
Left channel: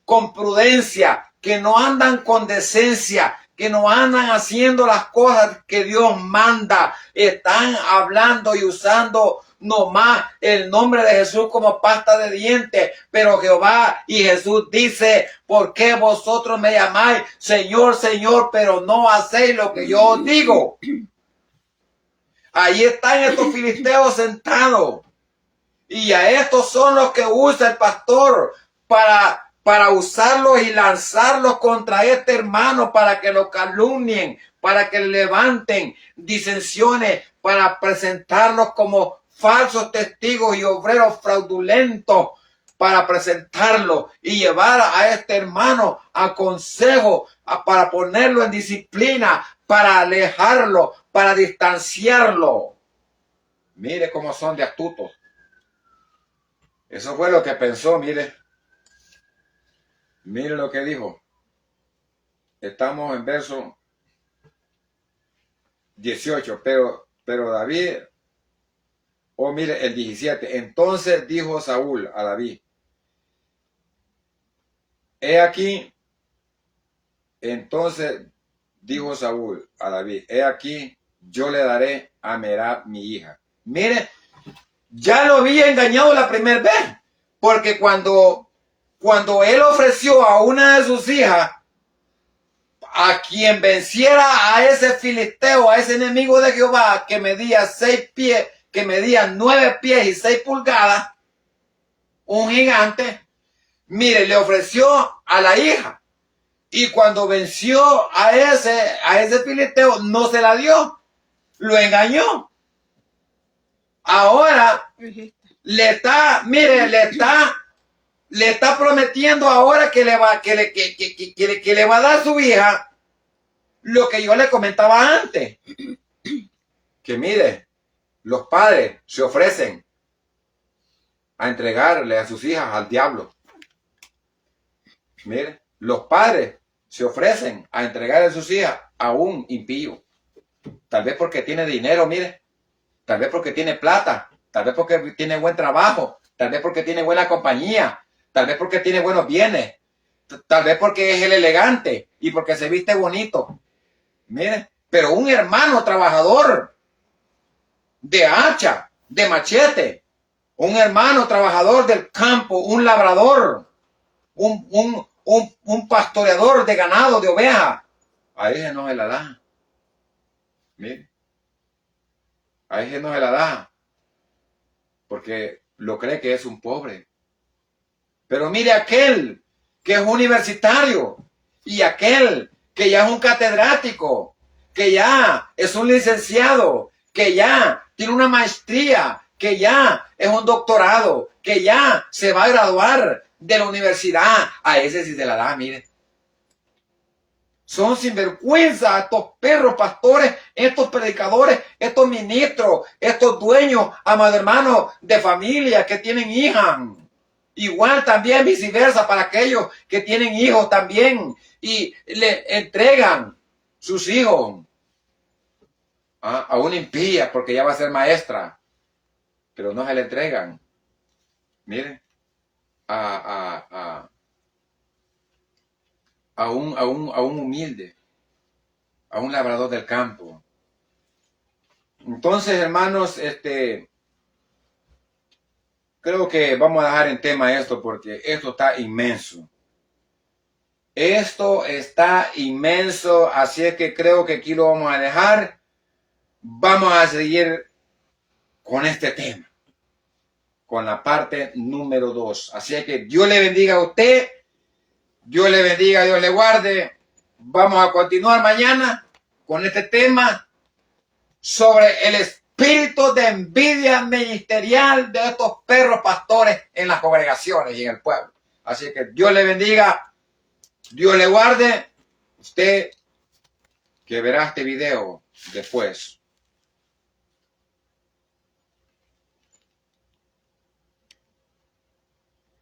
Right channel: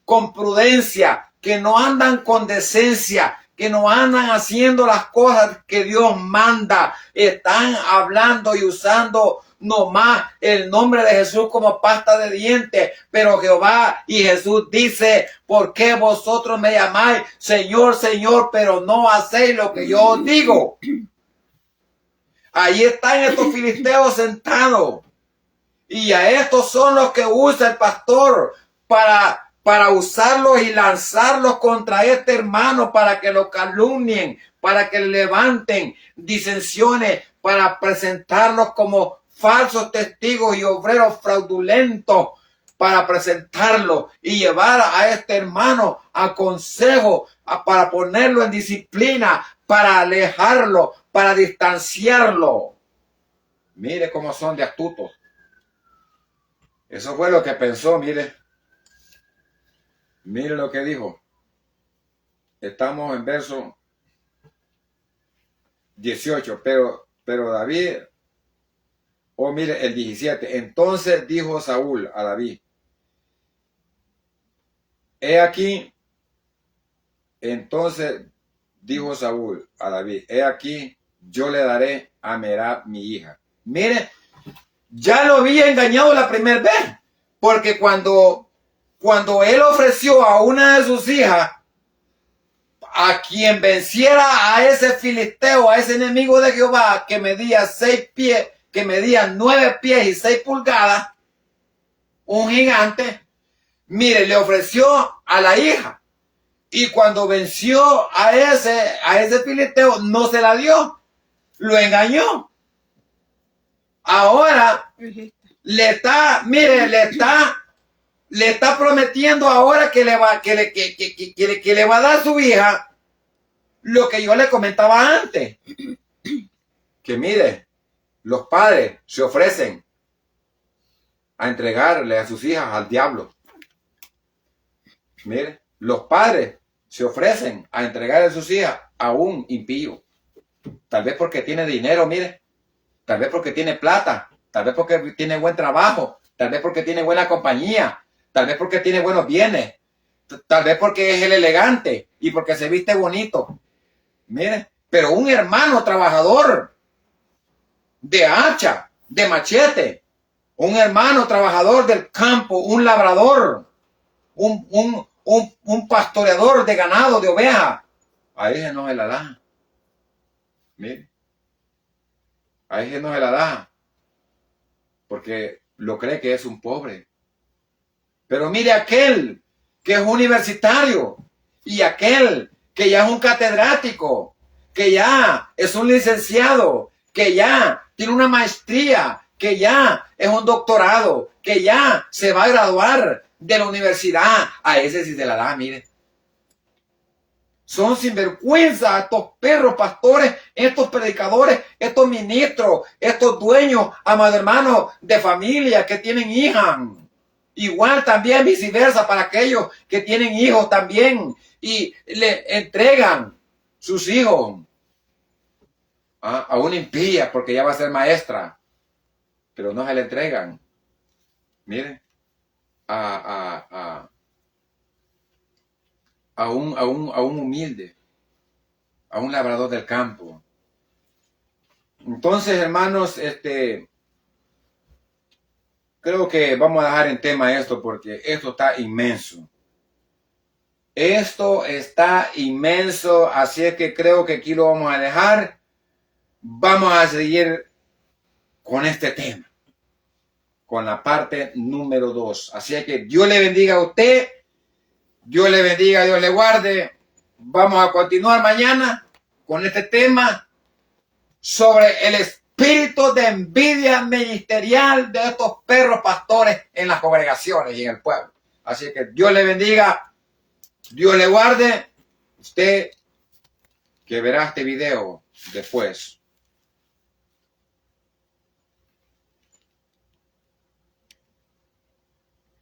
con prudencia, que no andan con decencia, que no andan haciendo las cosas que Dios manda. Están hablando y usando nomás el nombre de Jesús como pasta de dientes, pero Jehová y Jesús dice, ¿por qué vosotros me llamáis Señor, Señor, pero no hacéis lo que yo os digo? Ahí están estos filisteos sentados. Y a estos son los que usa el pastor para usarlos y lanzarlos contra este hermano, para que lo calumnien, para que levanten disensiones, para presentarlos como falsos testigos y obreros fraudulentos, para presentarlo y llevar a este hermano a consejo, para ponerlo en disciplina, para alejarlo, para distanciarlo. Mire cómo son de astutos. Eso fue lo que pensó, mire. Mire lo que dijo. Estamos en verso 18, pero David, mire el 17. Entonces dijo Saúl a David, he aquí, entonces dijo Saúl a David, he aquí, yo le daré a Merab mi hija. Mire, ya lo había engañado la primera vez, porque cuando cuando él ofreció a una de sus hijas a quien venciera a ese filisteo, a ese enemigo de Jehová que medía 6 pies, que medía 9 pies y 6 pulgadas, un gigante, mire, le ofreció a la hija. Y cuando venció a ese filisteo, no se la dio. Lo engañó. Ahora le está prometiendo ahora que le va a dar a su hija lo que yo le comentaba antes. Que mire, los padres se ofrecen a entregarle a sus hijas al diablo. Mire, los padres se ofrecen a entregarle a sus hijas a un impío. Tal vez porque tiene dinero, mire. Tal vez porque tiene plata. Tal vez porque tiene buen trabajo. Tal vez porque tiene buena compañía. Tal vez porque tiene buenos bienes. Tal vez porque es el elegante y porque se viste bonito. Mire, pero un hermano trabajador de hacha, de machete, un hermano trabajador del campo, un labrador, un pastoreador de ganado, de ovejas, a ese no se la da. Mire, a ese no se la da, porque lo cree que es un pobre. Pero mire aquel que es universitario y aquel que ya es un catedrático, que ya es un licenciado, que ya tiene una maestría, que ya es un doctorado, que ya se va a graduar de la universidad, a ese sí se la da, mire. Son sinvergüenza estos perros pastores, estos predicadores, estos ministros, estos dueños, amados hermanos, de familia que tienen hijas. Igual también viceversa para aquellos que tienen hijos también y le entregan sus hijos a una impía porque ya va a ser maestra, pero no se le entregan, mire, a un humilde, a un labrador del campo. Entonces, hermanos, creo que vamos a dejar en tema esto porque esto está inmenso. Esto está inmenso, así es que creo que aquí lo vamos a dejar. Vamos a seguir con este tema, con la parte número 2. Así es que Dios le bendiga a usted, Dios le bendiga, Dios le guarde. Vamos a continuar mañana con este tema sobre el espíritu de envidia ministerial de estos perros pastores en las congregaciones y en el pueblo. Así que Dios le bendiga, Dios le guarde. Usted que verá este video después.